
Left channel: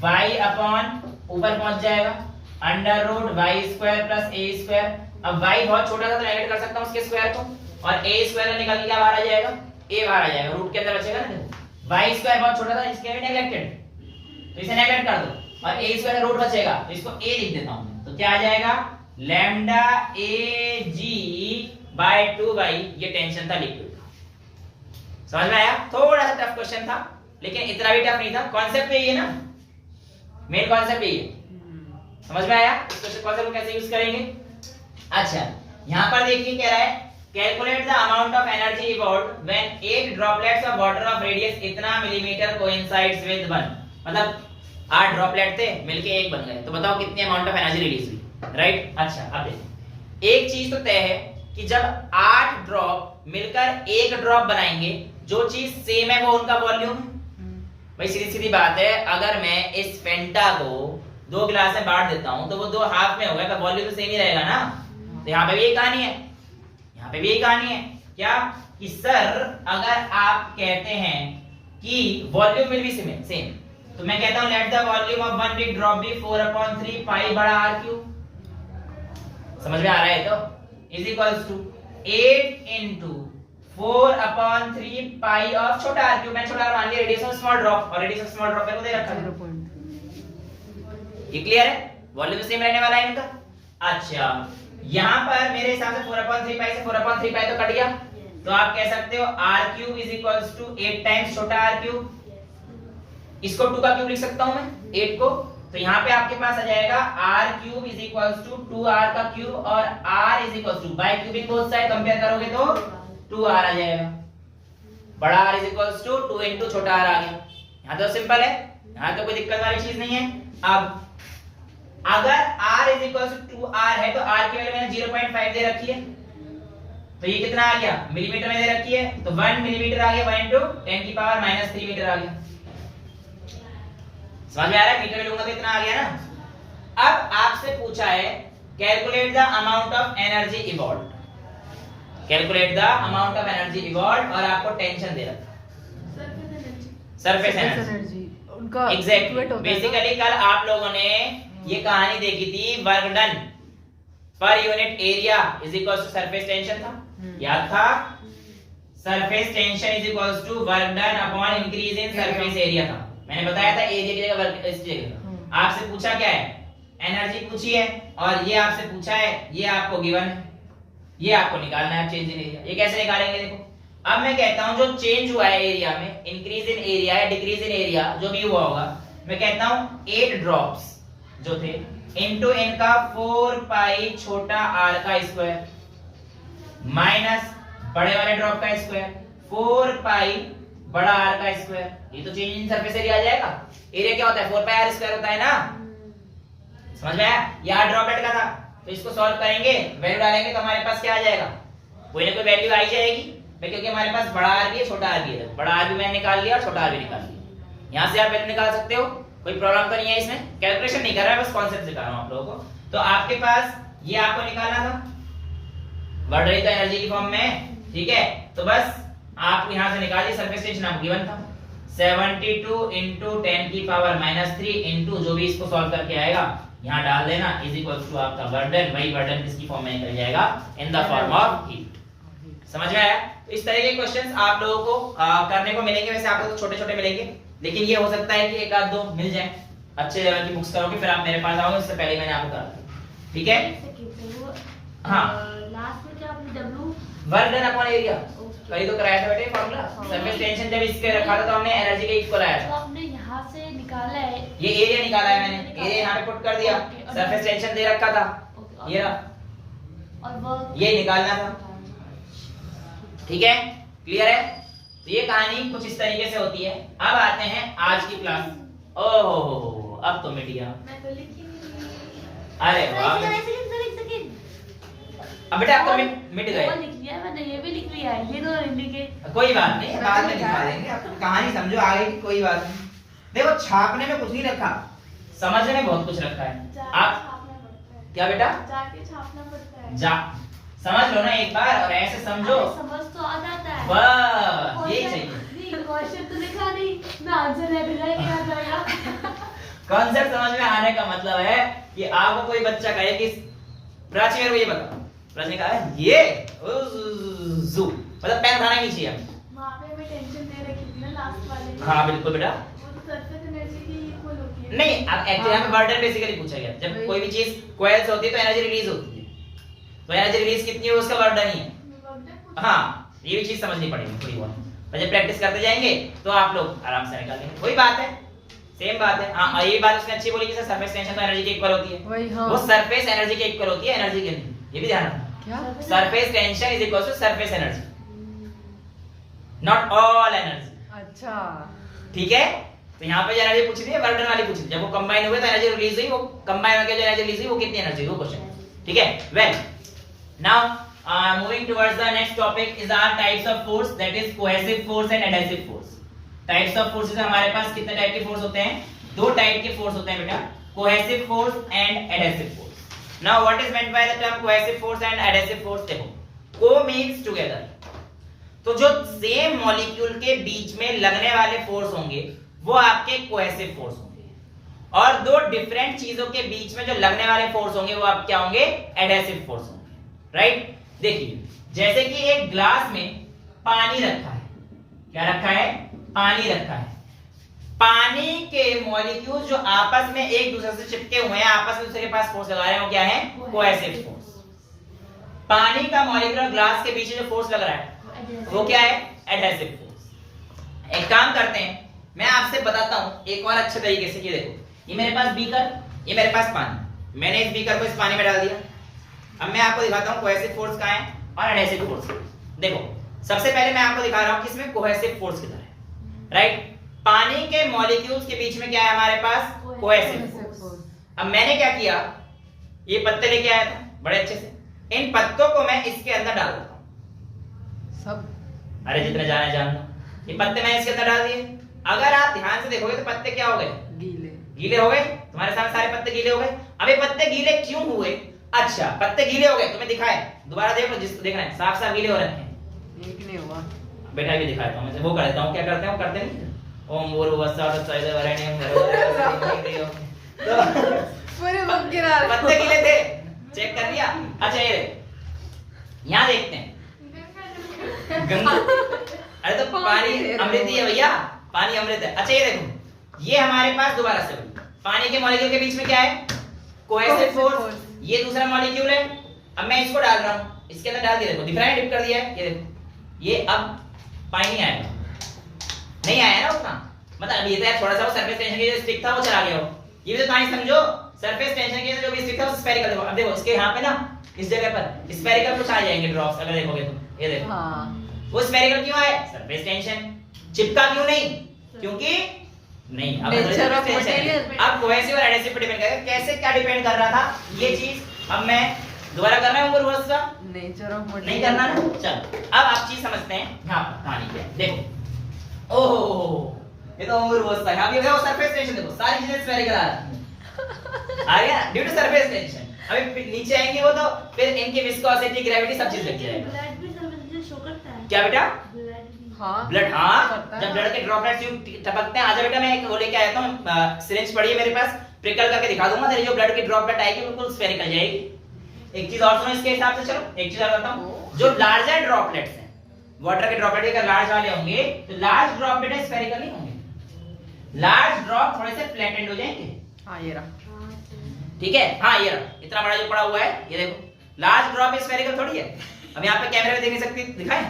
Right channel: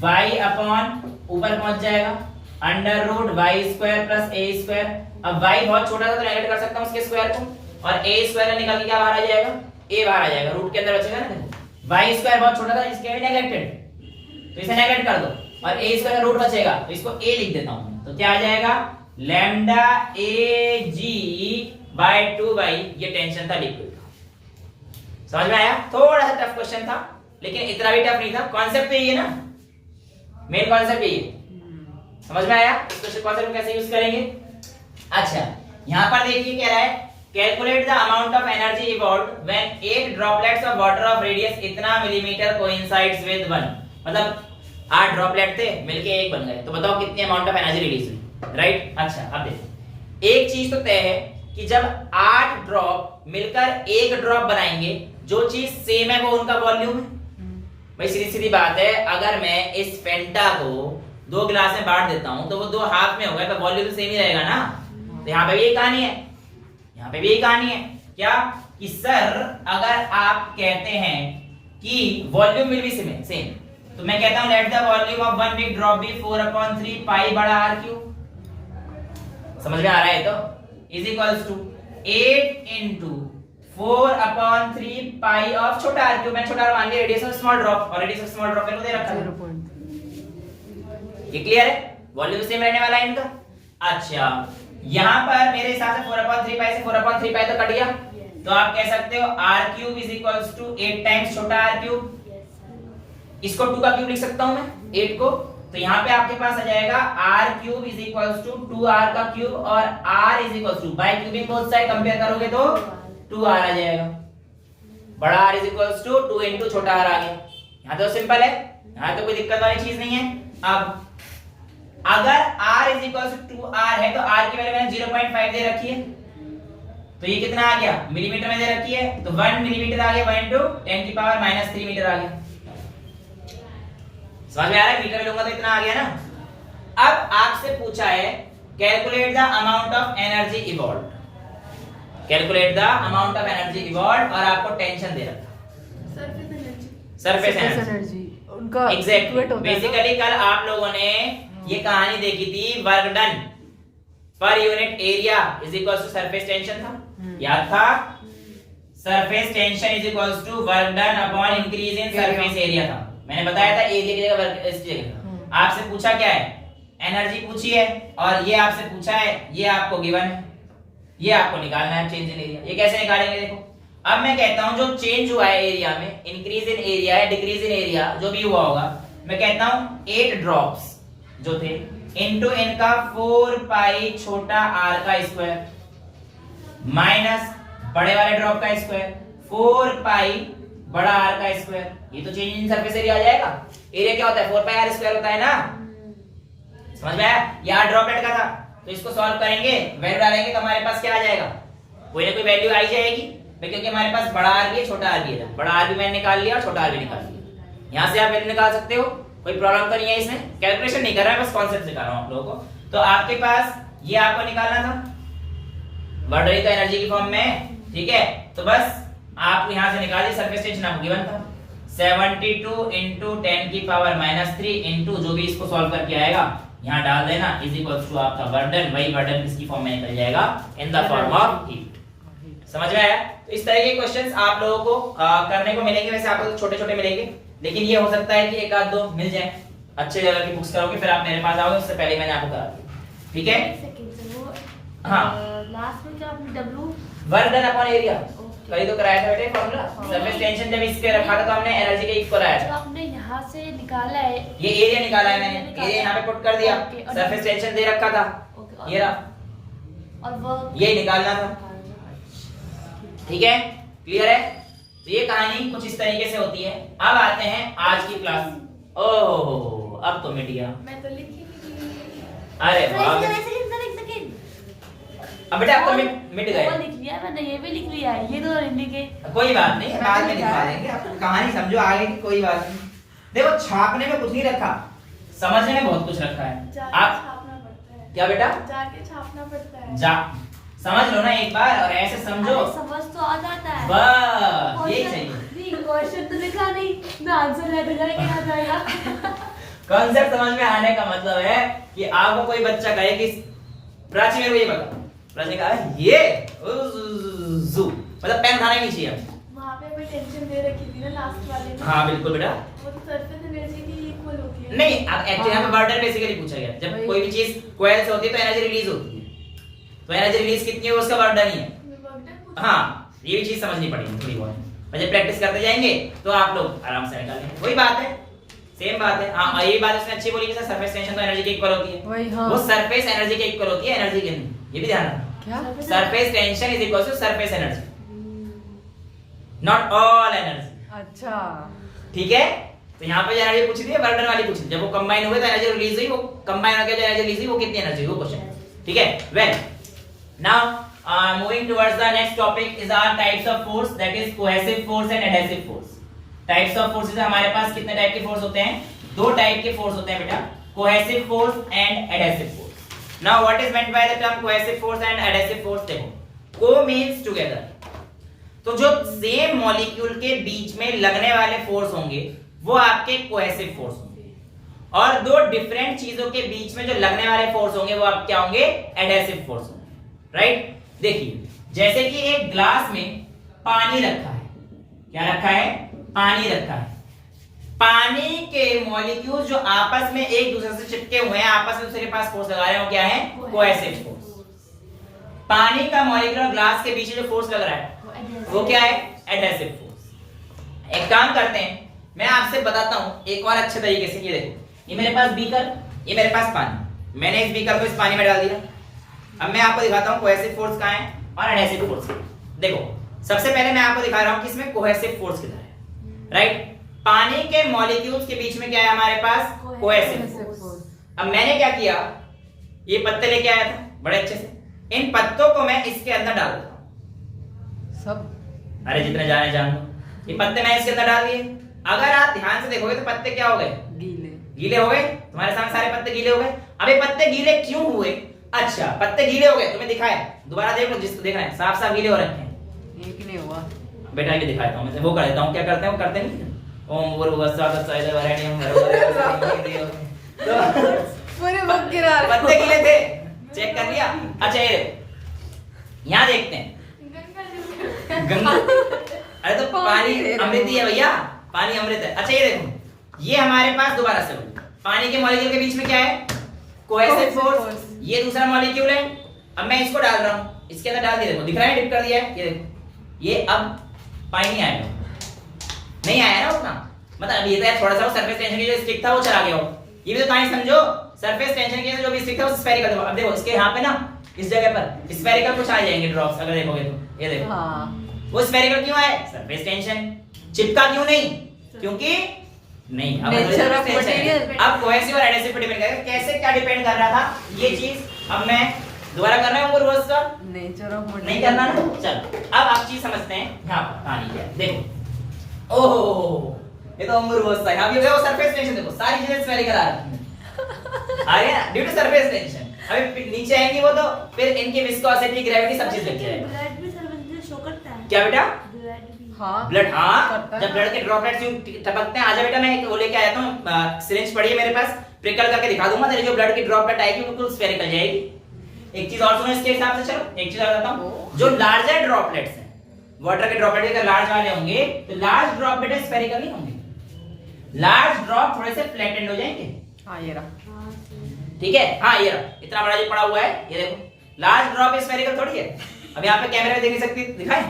y upon ऊपर पहुंच जाएगा √y² + a², अब y बहुत छोटा था तो नेगेट कर सकता हूं उसके स्क्वायर को, और a² निकल के क्या बाहर आ जाएगा, a बाहर आ जाएगा, रूट के अंदर बचेगा ना, देखो y² बहुत छोटा था इसके भी नेगलेक्टेड, तो इसे नेगेट कर दो, और a² का रूट बचेगा तो इसको a लिख देता हूं मैं, तो क्या आ जाएगा लैम्डा ag बाय 2y, ये टेंशन था लिक्विड का, समझ में आया। थोड़ा सा टफ क्वेश्चन था लेकिन इतना भी टफ नहीं था, कॉन्सेप्ट यही है ना, मेन कॉन्सेप्ट यही है, समझ में आया। इस क्वेश्चन कॉन्सेप्ट को कैसे यूज करेंगे। अच्छा यहां पर देखिए कह रहा है calculate the amount of energy evolved when 8 droplets of water of radius इतना मिलीमीटर कोइंसाइड्स विद 1, मतलब 8 ड्रॉपलेट थे मिलके एक बन गए, तो बताओ कितनी अमाउंट ऑफ एनर्जी रिलीज हुई, राइट। अच्छा अब देखो एक चीज तो तय है कि जब 8 ड्रॉप मिलकर एक ड्रॉप बनाएंगे, जो चीज सेम है वो उनका वॉल्यूम है। भाई सीधी सीधी बात है, अगर मैं इस फेंटा को 2 गिलास में बांट देता हूं तो वो 2 हाफ में हो गए, पर वॉल्यूम तो सेम ही रहेगा ना, तो यहाँ पे भी यही कहानी है, यहाँ पे भी यही कहानी है, क्या कि सर अगर आप कहते हैं कि वॉल्यूम विल बी सेम, तो मैं कहता हूं let the volume of one big drop be 4/3 pi बड़ा आर क्यूब। समझ में आ रहा है? तो is equals to 8 into 4/3 pi of छोटा आर क्यूब। मैं छोटा आर मान लिया रेडियस ऑफ स्मॉल ड्रॉप, और रेडियस ऑफ स्मॉल ड्रॉप को दे रखा है 0. ये क्लियर है? वॉल्यूम सेम रहने वाला है इनका। अच्छा यहां पर मेरे हिसाब से 4/3 पाई से 4/3 पाई तो कट गया, तो आप कह सकते हो R cube is equals to 8 times छोटा आर क्यूब। इसको 2 का क्यूब लिख सकता हूं मैं 8 को, तो यहाँ पे आपके पास आ जाएगा R cube is equals to 2r का क्यूब और r is equals to by cubing both side compare करोगे तो 2r आ जाएगा। बड़ा r is equals to 2 into छोटा r आ गया। यहाँ तो सिंपल है, यहाँ तो कोई दिक्कत वाली चीज नहीं है। अब अगर r is equals to 2r है तो r की वैल्यू मैंने 0.5 दे रखी है, तो ये कितना आ गया मिलीमीटर में दे रखी है, तो 1 मिलीमीटर आ गया 1 into 10⁻³ मीटर आ गया। समझ में आ रहा है? मीटर में लूंगा तो इतना आ गया ना। अब आपसे पूछा है calculate the amount of energy evolve, calculate the amount of energy evolve, और आपको टेंशन दे रखा सरफेस एनर्जी उनका एग्जैक्टली। equate होता है ना? बेसिकली कल आप लोगों ने ये कहानी देखी थी, work done per unit area is equals to surface tension था, याद था? Surface tension is equals to work done upon increase in surface area था। मैंने बताया था एरिया की जगह वर्क इस जगह। आपसे पूछा क्या है? एनर्जी पूछी है, और ये आपसे पूछा है, ये आपको गिवन है, ये आपको निकालना है चेंज इन एरिया। ये कैसे निकालेंगे? देखो अब मैं कहता हूं जो चेंज हुआ है एरिया में, इंक्रीज इन एरिया है डिक्रीज इन एरिया जो भी हुआ होगा, मैं कहता हूं 8 ड्रॉप्स जो थे इनटू इनका 4 पाई छोटा r का स्क्वायर माइनस बड़े वाले ड्रॉप का स्क्वायर 4 पाई बड़ा r का स्क्वायर। ये तो चेंज इन सरफेस एरिया आ जाएगा। एरिया क्या होता है? 4 पाई r स्क्वायर होता है ना। समझ में आया? ये r ड्रॉपलेट का था, तो इसको सॉल्व करेंगे, वैल्यू डालेंगे तो हमारे पास क्या आ जाएगा? कोई ना कोई वैल्यू आ ही जाएगी, क्योंकि हमारे पास बड़ा r भी है छोटा r भी है। बड़ा r भी मैंने निकाल लिया और छोटा r भी निकाल लिया। यहां से आप वैल्यू निकाल सकते हो, कोई प्रॉब्लम तो नहीं है इसमें। कैलकुलेशन नहीं कर रहा है, बस कॉन्सेप्ट सिखा रहा हूं आप लोगों को। तो आपके पास ये आपको निकालना था, बढ़ रही तो एनर्जी की फॉर्म में, ठीक है? तो बस आप यहां से निकालिए, सरफेस टेंशन आपको गिवन था 72 into 10⁻³ इनटू जो भी इसको सॉल्व करके आएगा यहां डाल देना इज इक्वल्स टू आपका बर्डन। वही बर्डन किसकी फॉर्म में निकल जाएगा? In the form of heat. समझ में आया? तो इस तरह के क्वेश्चंस आप लोगों को करने को मिलेंगे। वैसे आपको छोटे छोटे मिलेंगे, लेकिन ये हो सकता है कि एक आध दो मिल जाए। अच्छे लेवल की बुक्स करोगे फिर आप मेरे पास आओगे, उससे पहले मैंने आपको करा दी, ठीक है? हाँ। लास्ट में क्या आपने W work done upon area वही तो कराया था बेटे फॉर्मूला। सरफेस टेंशन जब इसके रखा था तो हमने एनर्जी के इक्वल आया तो था। आपने यहाँ से निकाला है, ये एरिया निकाला है मैंने, एरिया यहाँ पे पुट कर दिया, सरफेस टेंशन दे रखा था, ये रहा, और वो ये निकालना था, ठीक है? क्लियर है? तो ये कहानी कुछ इस तरीके से होती है। अब आते हैं आज की क्लास। ओहो अब तो मिट गया। मैं तो लिख ही नहीं। अरे वाह, अब बेटा अब तो मिट गए। वो लिख लिया मैंने, ये भी लिख लिया है, ये दोनों हिंदी के। कोई बात नहीं, बाद में दिखा देंगे। आप कहानी समझो आगे की, कोई बात नहीं। देखो छापने में कुछ नहीं रखा, समझने में बहुत कुछ रखा है। आप छापना पड़ता है, क्या बेटा? जाके छापना पड़ता है। जा समझ लो ना एक बार, और ऐसे समझो, अरे समझ तो आ जाता है, बस यही चाहिए। नहीं क्वेश्चन तो लिखा नहीं ना, आंसर नहीं दिया क्या आ जाएगा। कॉन्सेप्ट समझ में आने का मतलब है कि आपको कोई बच्चा कहे कि प्राची मेरे को ये बता, प्राची ने कहा ये जू मतलब पेन उठाना ही नहीं चाहिए हमें। वहाँ पे कोई टेंशन दे रखी थी ना लास्ट वाले में। हाँ बिल्कुल बेटा। वो तो सरफेस एनर्जी की इक्वल होती है। नहीं अब एक्चुअली यहाँ पे बर्डन बेसिकली पूछा गया, जब कोई भी चीज कोयल से होती है तो एनर्जी रिलीज होती है, तो एनर्जी रिलीज कितनी है उसका बर्डन ही है। हाँ ये भी चीज समझनी पड़ेगी थोड़ी बहुत, और जब प्रैक्टिस करते जाएंगे तो आप लोग आराम से निकाल लेंगे। वही बात है, सेम बात है। हाँ ये बात उसने अच्छी बोली कि सर सरफेस टेंशन तो एनर्जी के इक्वल होती है। वही हाँ। वो सरफेस एनर्जी के इक्वल होती है, एनर्जी के नहीं, ये भी ध्यान रखना। क्या? Surface tension is equal to surface energy, not all energy. अच्छा ठीक है? तो यहाँ पे जो एनर्जी पूछी थी बर्डन वाली पूछी थी, जब वो कंबाइन हुए तो एनर्जी रिलीज हुई, वो कंबाइन होकर जो एनर्जी रिलीज हुई वो कितनी एनर्जी हुई, वो क्वेश्चन। ठीक है? Well now moving towards the next topic is our types of force, that is cohesive force and adhesive force. Types of forces हमारे पास कितने टाइप के फोर्स होते हैं? दो टाइप के फोर्स होते हैं बेटा, cohesive force and adhesive force. Now what is meant by the term cohesive force and adhesive force? देखो को मींस टुगेदर, तो जो सेम मॉलिक्यूल के बीच में लगने वाले फोर्स होंगे वो आपके कोहेसिव फोर्स होंगे, और दो डिफरेंट चीजों के बीच में जो लगने वाले फोर्स होंगे वो आप क्या होंगे, एडहेसिव फोर्स होंगे, राइट। देखिए जैसे कि एक ग्लास में पानी रखा है, क्या रखा है, पानी रखा है, पानी के मॉलिक्यूल्स जो आपस में एक दूसरे से चिपके हुए हैं, आपस में दूसरे के पास फोर्स लगा रहे हैं, वो क्या है, कोहेसिव फोर्स। पानी का मॉलिक्यूल और ग्लास के बीच जो फोर्स लग रहा है वो क्या है, एडहेसिव फोर्स। एक काम करते हैं, मैं आपसे बताता हूं एक और अच्छे तरीके से। ये देखो, ये मेरे पास बीकर, ये मेरे पास पानी, मैंने इस बीकर को इस पानी में डाल दिया। अब मैं आपको दिखाता हूं कोहेसिव फोर्स कहां है और एडहेसिव फोर्स। देखो सबसे पहले मैं आपको दिखा रहा हूं कि इसमें कोहेसिव फोर्स किधर है, राइट। पानी के मॉलिक्यूल्स के बीच में क्या है हमारे पास, कोहेसिव फोर्स। अब मैंने क्या किया, ये पत्ते लेके आया था बड़े अच्छे से, इन पत्तों को मैं इसके अंदर डाल देता हूं सब। अरे जितने जाने जान लो। ये पत्ते मैं इसके अंदर डाल दिए। अगर आप ध्यान से देखोगे तो पत्ते क्या हो गए, गीले। गीले हो गए। तुम्हारे सामने सारे पत्ते गीले हो गए। अब ये पत्ते गीले क्यों हुए, अच्छा पत्ते गीले हो गए, तुम्हें दिखाए, दोबारा देख लो, जिसको देखना है, साफ साफ गीले हो रखे हैं। एक नहीं हुआ बेटा भी दिखाता हूं, मैं वो कर देता हूं, क्या करते हैं वो करते नहीं, ओम भूर्भुवस्सुः तत्सवितुर्वरेण्यं पूरे वक्त गिरा रहे। पत्ते गीले थे, चेक कर लिया। अच्छा ये यहां देखते हैं, गंगा, अरे तो पानी अमृत ही है भैया, पानी अमृत है। अच्छा ये देखो, ये हमारे पास दोबारा से पानी के मॉलिक्यूल के बीच में क्या है, कोहेसिव फोर्स। ये दूसरा मॉलिक्यूल है। अब मैं इसको डाल रहा हूं, इसके अंदर डाल दिया, देखो दिख रहा है, डिप कर दिया है, ये देखो, ये अब पानी नहीं आएगा, नहीं आया ना उतना, मतलब ये तो थोड़ा सा वो सरफेस टेंशन की जो स्टिक था वो चला गया हो। ये भी तो कहानी समझो, सरफेस टेंशन की जो भी स्टिक था वो स्फेरिकल। अब देखो इसके यहाँ पे ना, इस जगह पर स्फेरिकल कुछ आ जाएंगे ड्रॉप्स, अगर देखोगे तो ये देखो, हाँ। वो स्फेरिकल क्यों आए, सरफेस टेंशन। चिपका क्यों नहीं, क्योंकि नहीं, अब नेचर ऑफ मटेरियल। अब कोहेसिव और एडहेसिव पे डिपेंड करेगा, कैसे क्या डिपेंड कर रहा था ये चीज। अब मैं दोबारा कर रहा हूं रिवर्स का, नेचर ऑफ मटेरियल नहीं करना ना। चल अब आप चीज समझते हैं, यहां पर कहानी क्या है, देखो, ओहो ये तो अंगूर बहुत है। अब ये देखो सरफेस टेंशन, देखो सारी चीजें स्फेरिकल आ रही हैं, आ गया ड्यू टू सरफेस टेंशन। अभी नीचे आएंगे वो तो फिर इनकी विस्कोसिटी, ग्रेविटी सब चीज लग जाएगी। ब्लड भी सर्वेंट में शो करता है क्या बेटा, ब्लड भी। हाँ ब्लड, हाँ करता है जब ब्लड के ड्रॉपलेट्स यूं टपकते हैं। आजा बेटा मैं एक वो लेके आया हूं, सिरिंज पड़ी है मेरे पास, प्रिकल करके दिखा दूंगा, तेरे जो ब्लड की ड्रॉपलेट आएगी बिल्कुल स्फेरिकल जाएगी। एक चीज और सुनो इसके हिसाब से, चलो एक चीज और बताता हूं, जो लार्जर ड्रॉपलेट्स हैं, वाटर के ड्रॉपलेट अगर लार्ज वाले होंगे तो लार्ज ड्रॉपलेट स्फेरिकल नहीं होंगे, लार्ज ड्रॉप थोड़े से फ्लैट एंड हो जाएंगे। हाँ ये रहा, ठीक है, हाँ ये रहा, इतना बड़ा जो पड़ा हुआ है, ये देखो लार्ज ड्रॉप स्फेरिकल थोड़ी है। अब यहाँ पे कैमरे में देख नहीं सकती, दिखाएं,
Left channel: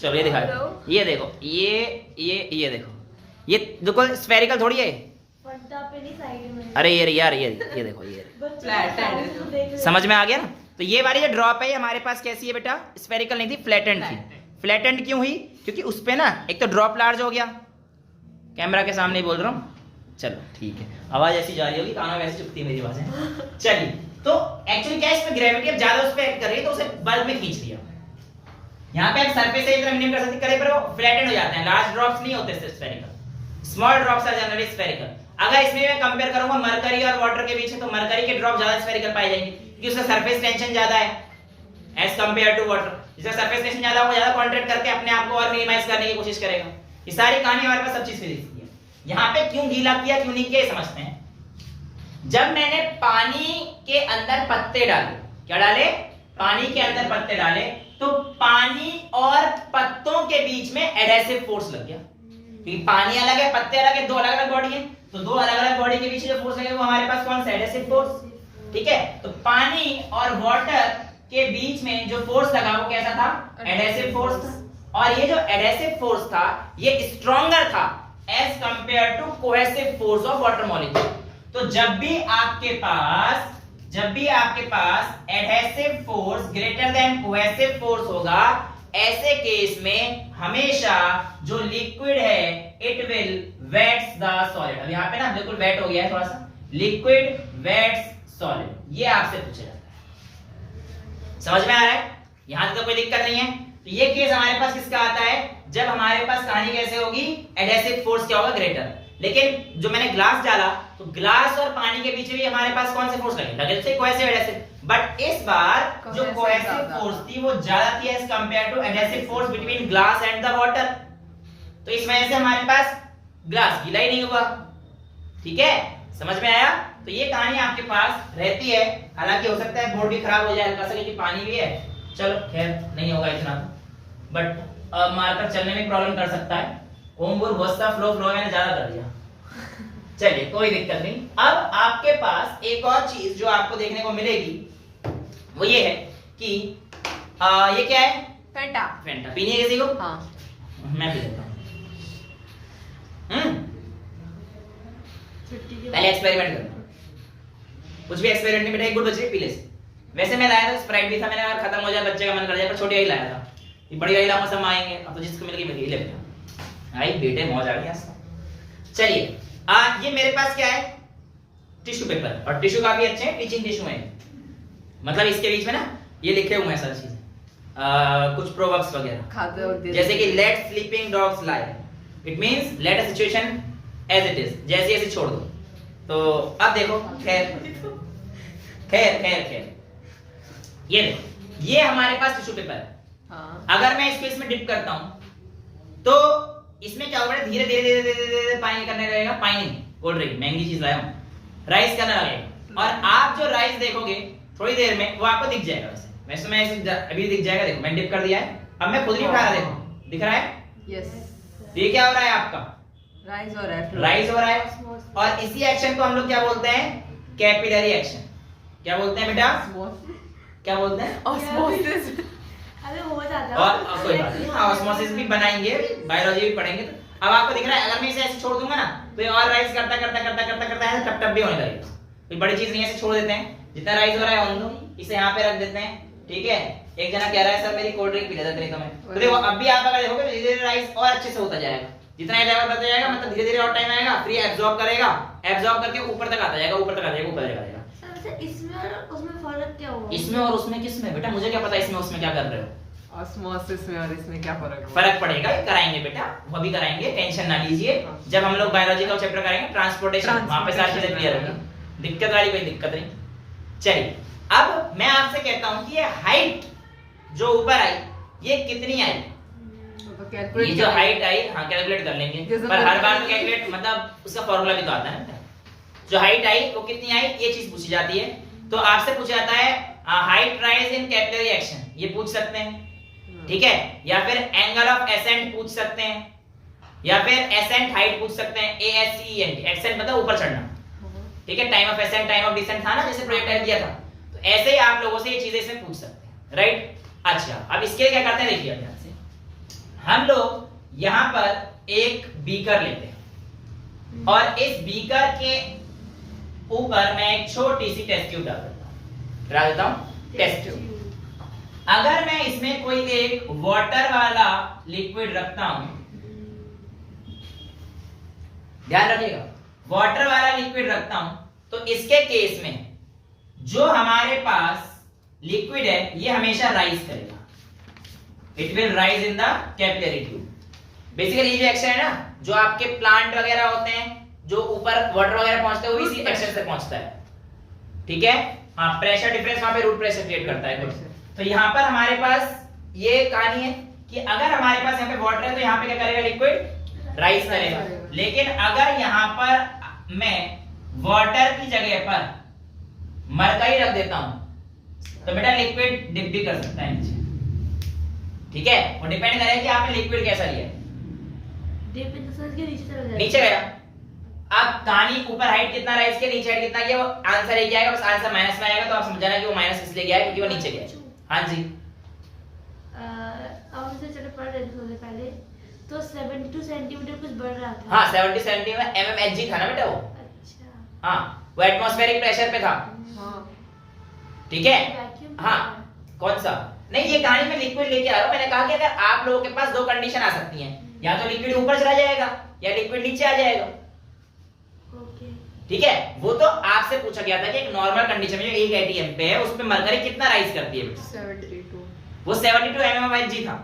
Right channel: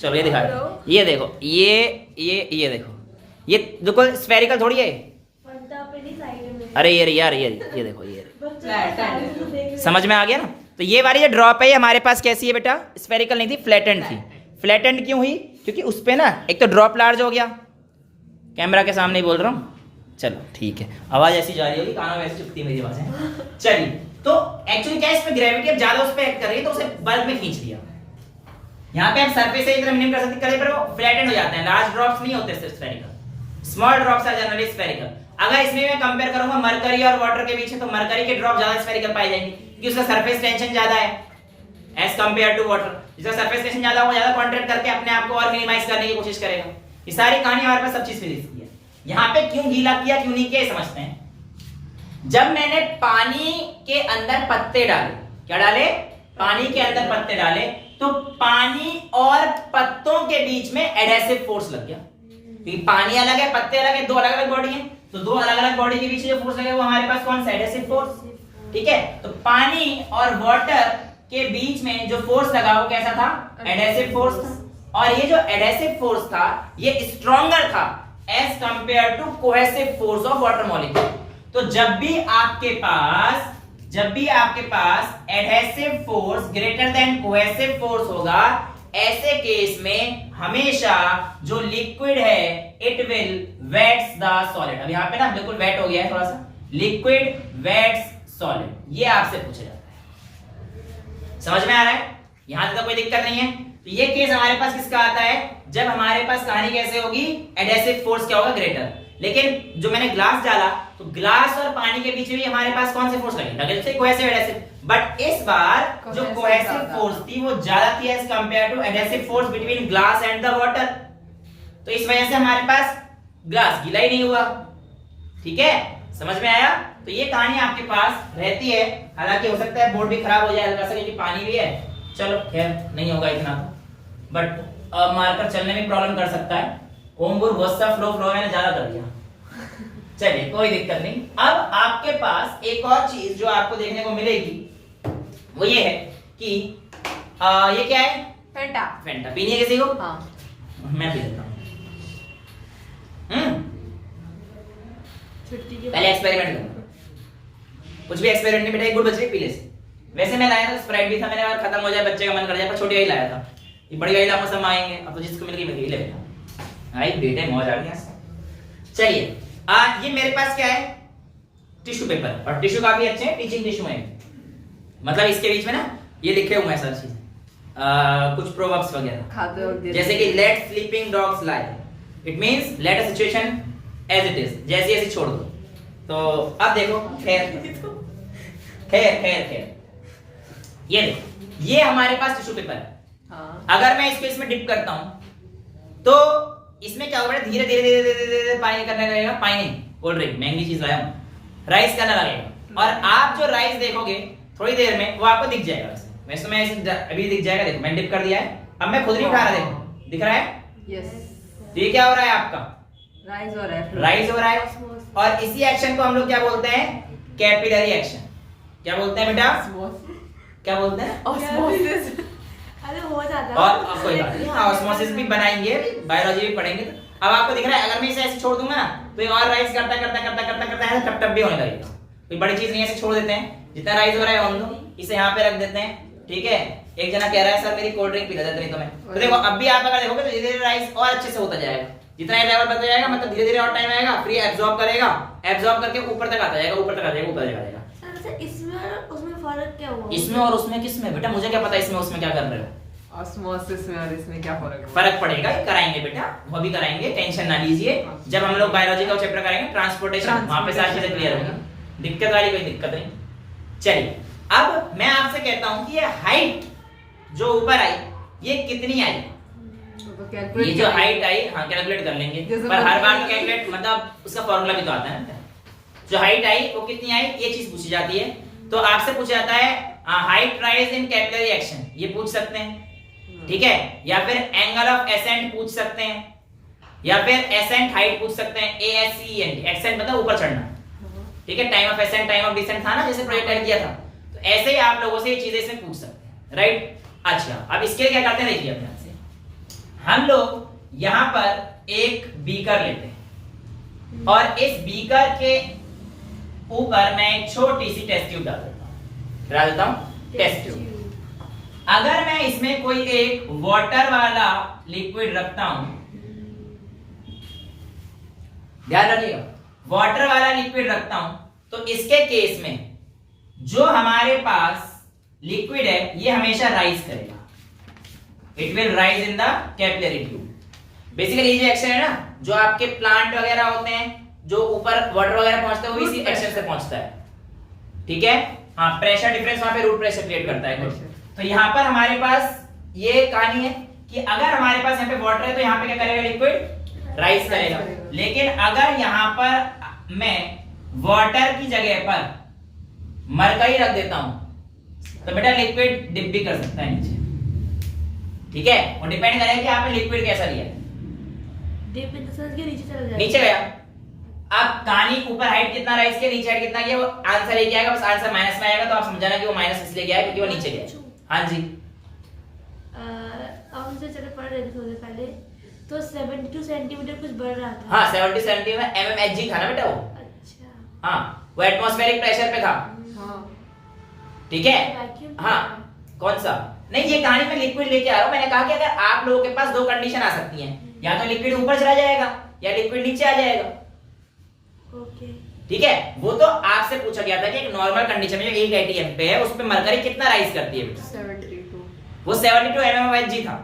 चलो ये दिखा, ये देखो, ये देखो, ये बिल्कुल स्फेरिकल थोड़ी है। पंटा पे नहीं साइड में। अरे ये यार ये देखो, ये बच्चे समझ में आ गया ना। तो ये वाली जो ड्रॉप है ये हमारे पास कैसी है बेटा, स्फेरिकल नहीं थी, फ्लैटेंड थी। फ्लैटेंड क्यों हुई, क्योंकि उस पे ना एक तो ड्रॉप लार्ज हो गया, कैमरा के सामने ही बोल रहा हूँ, चलो ठीक है, आवाज ऐसी जा रही होगी, कानों में ऐसी चुपती है मेरी आवाजें। चलिए तो एक्चुअली क्या है, इसमें ग्रेविटी अब ज्यादा उस पे एक्ट कर रही है तो उसे बल्ब में खींच लिया। यहाँ पे हम सरफेस से इतना मिनिमम कर सकते करे, पर वो फ्लैटेंड हो जाते हैं, लार्ज ड्रॉप्स नहीं होते spherical, small drops are generally spherical. अगर इसमें मैं कंपेयर करूंगा मरकरी और वाटर के बीच में, तो मरकरी के ड्रॉप ज्यादा स्फेरिकल पाए जाएंगे क्योंकि उसका सरफेस टेंशन ज्यादा है एज कंपेयर टू वाटर। जिसका सरफेस टेंशन ज्यादा होगा, ज्यादा कॉन्ट्रैक्ट करके अपने आप को और मिनिमाइज करने की कोशिश करेगा। ये सारी कहानी हमारे पास सब चीज में दिखती है। यहाँ पे क्यों गीला किया क्यों नहीं किया समझते हैं। जब मैंने पानी के अंदर पत्ते डाले, क्या डाले, पानी के अंदर पत्ते डाले, तो पानी और पत्तों के बीच में एडहेसिव फोर्स लग गया, क्योंकि पानी अलग है पत्ते अलग है, दो अलग अलग बॉडी है, तो दो अलग अलग बॉडी के बीच जो फोर्स लगे वो हमारे पास कौन सा, एडहेसिव फोर्स। ठीक है, तो पानी और वाटर के बीच में जो फोर्स लगा वो कैसा था, एडहेसिव फोर्स था। और ये जो एडहेसिव फोर्स था ये स्ट्रॉन्गर था as compare to cohesive force of water molecule. तो जब भी आपके पास adhesive force greater than cohesive force होगा, ऐसे केस में हमेशा जो लिक्विड है it will wets the solid. अब यहां पे ना बिल्कुल वेट हो गया है थोड़ा सा, लिक्विड वेट्स सॉलिड, ये आपसे पूछा जाता है। समझ में आ रहा है, यहां तक कोई दिक्कत नहीं है। तो ये केस हमारे पास किसका आता है, जब हमारे पास कहानी कैसे होगी, एडहेसिव फोर्स क्या होगा, ग्रेटर। लेकिन जो मैंने ग्लास डाला तो ग्लास और पानी के बीच भी हमारे पास कौन से फोर्स लगे थे, कोहेसिव एडहेसिव। बट इस बार जो कोहेसिव फोर्स थी वो ज्यादा थी as compare to adhesive force between glass and the water. तो इस वजह से हमारे पास ग्लास गीला ही नहीं हुआ। ठीक है, समझ में आया? तो ये कहानी आपके पास रहती है। हालांकि हो सकता है बोर्ड भी खराब हो जाए हल्का सा, क्योंकि पानी भी है। चलो खैर नहीं होगा इतना, बट मार्कर चलने में प्रॉब्लम कर सकता है। ओमपुर बहुत सा फ्लो मैंने ज्यादा कर दिया। चलिए कोई दिक्कत नहीं। अब आपके पास एक और चीज जो आपको देखने को मिलेगी वो ये है कि ये क्या है? फेंटा। फेंटा पीनी है किसी को? हाँ, मैं पी लेता हूँ। छुट्टी के पहले एक्सपेरिमेंट करो। कुछ भी एक्सपेरिमेंट नहीं बेटा, एक गुड़ बच रही पी ले। वैसे मैं लाया था स्प्राइट भी था, मैंने यार खत्म हो जाए बच्चे का मन कर जाए, पर छोटी वाली लाया था। ये बड़ी वाली लाऊंगा सब आएंगे, अब तो जिसको मिल गई मिल गई, ले बेटा। आई बेटे मौज आ गई। चलिए ये मेरे पास क्या है? Tissue paper. और टिश्यू काफी अच्छे हैं, टीचिंग टिश्यू है। मतलब इसके बीच में ना ये लिखे हुए हैं सारी चीजें, कुछ प्रोवर्ब्स वगैरह, खाते वक्त जैसे कि let sleeping dogs lie, it means let a situation as it is, जैसी ऐसी छोड़ दो। तो अब देखो, खैर खैर खैर खैर, ये देखो, ये हमारे पास टिश्यू पेपर है। हाँ। अगर मैं इसको इसमें डिप करता हूं तो इसमें क्या होगा? धीरे धीरे धीरे धीरे धीरे पानी करने लगेगा। पानी कोल्ड ड्रिंक महंगी चीज लाया हूं, राइस करने लगेगा। और आप जो राइस देखोगे थोड़ी देर में वो आपको दिख जाएगा। वैसे मैं अभी दिख जाएगा, देखो मैंने डिप कर दिया है। अब मैं खुद नहीं उठा रहा, देखो दिख रहा है? यस। ये क्या हो रहा है आपका? राइज हो रहा है। राइज हो रहा है। और इसी एक्शन को हम लोग क्या बोलते हैं? Capillary action. क्या बोलते हैं बेटा? क्या बोलते हैं? ऑस्मोसिस। अरे हो जाता है। और कोई बात नहीं, ऑस्मोसिस भी बनाएंगे, बायोलॉजी भी पढ़ेंगे। तो अब आपको दिख रहा है, अगर मैं इसे ऐसे छोड़ दूंगा ना तो ये और राइज करता करता करता करता करता है, टप टप भी होने लगेगा। कोई बड़ी चीज नहीं, ऐसे छोड़ देते हैं। जितना राइज हो रहा है होने दो, इसे यहाँ पे रख देते हैं। ठीक है, एक जना कह रहा है सर मेरी कोल्ड ड्रिंक पिला देते नहीं तो मैं, तो देखो अब भी आप अगर देखोगे तो धीरे धीरे राइज और अच्छे से होता जाएगा। जितना ये लेवल बढ़ता जाएगा मतलब धीरे धीरे और टाइम आएगा, फ्री एब्जॉर्ब करेगा, एब्जॉर्ब करके ऊपर तक आता जाएगा, ऊपर तक आ जाएगा, ऊपर तक आ जाएगा। सर इसमें और उसमें फर्क क्या हुआ? इसमें और उसमें किसमें बेटा? मुझे क्या पता इसमें उसमें क्या कर रहे हो? ऑस्मोसिस में और इसमें क्या फर्क है? फर्क पड़ेगा, ये कराएंगे बेटा, वो भी कराएंगे, टेंशन ना लीजिए। जब हम लोग बायोलॉजी का चैप्टर करेंगे ट्रांसपोर्टेशन, वहां पे सारी चीजें क्लियर होंगी, दिक्कत वाली कोई दिक्कत नहीं। चलिए अब मैं आपसे कहता हूं कि ये हाइट जो ऊपर आई ये कितनी आई? ये जो हाइट आई, हाँ कैलकुलेट कर लेंगे, पर हर बार तो कैलकुलेट मतलब उसका फॉर्मूला भी तो आता है ना। जो हाइट आई वो कितनी आई ये चीज पूछी जाती है। तो आपसे पूछा जाता है height rise in capillary action, ये पूछ सकते हैं। ठीक है, या फिर एंगल ऑफ एसेंट पूछ सकते हैं, या फिर एसेंट हाइट पूछ सकते हैं। ASCENT, एसेंट मतलब ऊपर चढ़ना। ठीक है, time of ascent time of descent था ना जैसे प्रोजेक्ट किया था, तो ऐसे ही आप लोगों से ये चीजें इसमें पूछ सकते हैं। राइट, अच्छा अब इसके लिए क्या करते हैं देखिए, अपने से हम लोग यहां पर एक बीकर लेते हैं और इस बीकर के ऊपर मैं एक छोटी सी टेस्ट ट्यूब डाल देता हूं टेस्ट ट्यूब। अगर मैं इसमें कोई एक वाटर वाला लिक्विड रखता हूं, ध्यान रखिएगा, वाटर वाला लिक्विड रखता हूं तो इसके केस में जो हमारे पास लिक्विड है ये हमेशा राइज करेगा, it will rise in the capillary tube. Basically ये जो एक्शन है ना, जो आपके प्लांट वगैरह होते हैं जो ऊपर वाटर वगैरह पहुंचते हैं वो इसी एक्शन से पहुंचता है। ठीक है, हाँ प्रेशर डिफरेंस वहां पे रूट प्रेशर क्रिएट करता है। तो यहाँ पर हमारे पास ये कहानी है कि अगर हमारे पास यहाँ पे वाटर है तो यहाँ पे क्या करेगा? लिक्विड राइज करेगा। लेकिन अगर यहाँ पर मैं वाटर की जगह पर मरकरी रख देता हूं तो बेटा लिक्विड डिप भी कर सकता है नीचे। ठीक है, वो डिपेंड करेगा कि आपने लिक्विड कैसा लिया है। डिप इन द सेंस के नीचे चला जाएगा। नीचे गया, अब कहानी ऊपर हाइट कितना राइज के नीचे हाइट कितना किया, वो आंसर एक आएगा, बस आंसर माइनस में आएगा तो आप समझाना कि वो माइनस इसलिए गया है क्योंकि वो नीचे गया। हाँ जी, अब मुझे चलो पढ़ रहे थे थोड़े पहले, तो 72 सेंटीमीटर कुछ बढ़ रहा था। हाँ 70 सेंटीमीटर mmHg था ना बेटा वो। अच्छा, हाँ वो एटमॉस्फेरिक प्रेशर पे था। हाँ। ठीक है, वैक्यूम हाँ कौन सा? नहीं, ये कहानी में लिक्विड लेके आ रहा हूं। मैंने कहा कि अगर आप लोगों के पास दो कंडीशन आ सकती हैं, या तो लिक्विड ऊपर चला जाएगा या लिक्विड नीचे आ जाएगा। ओके, ठीक है, वो तो आपसे पूछा गया था कि एक नॉर्मल कंडीशन में जो 1 atm पे है उस पे मरकरी कितना राइज करती है बेटा? 72। वो 72 mmHg था,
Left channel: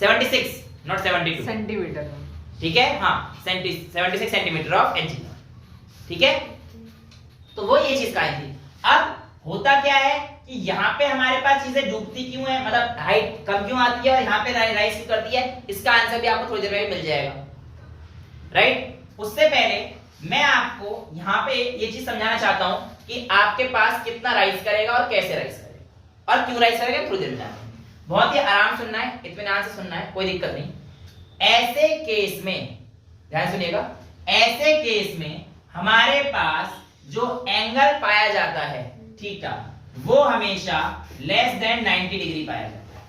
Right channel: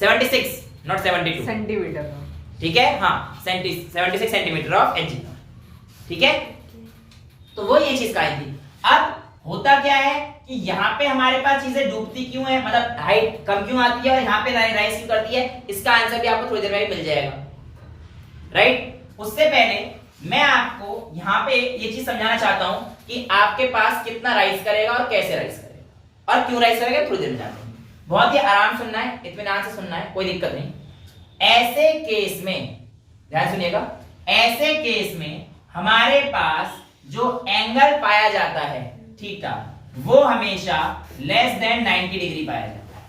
76 नॉट 72 सेंटीमीटर। ठीक है, हाँ 76 सेंटीमीटर ऑफ Hg। ठीक है, तो वो ये चीज कही थी। अब होता क्या है कि यहाँ पे हमारे पास चीजें डूबती क्यों है, मतलब हाइट कम क्यों आती है और यहाँ पे राइज क्यों करती है, इसका आंसर भी आपको थोड़ी देर में मिल जाएगा। राइट। उससे पहले मैं आपको यहाँ पे ये चीज समझाना चाहता हूं कि आपके पास कितना राइज करेगा और कैसे राइज करेगा और क्यों राइज करेगा, थोड़ी देर में जानते हैं। बहुत ही आराम सुनना है, इत्मीनान से सुनना है, कोई दिक्कत नहीं। ऐसे केस में ध्यान सुनिएगा, ऐसे केस में हमारे पास जो एंगल पाया जाता है थीटा, वो हमेशा लेस देन 90 डिग्री पाया जाता है,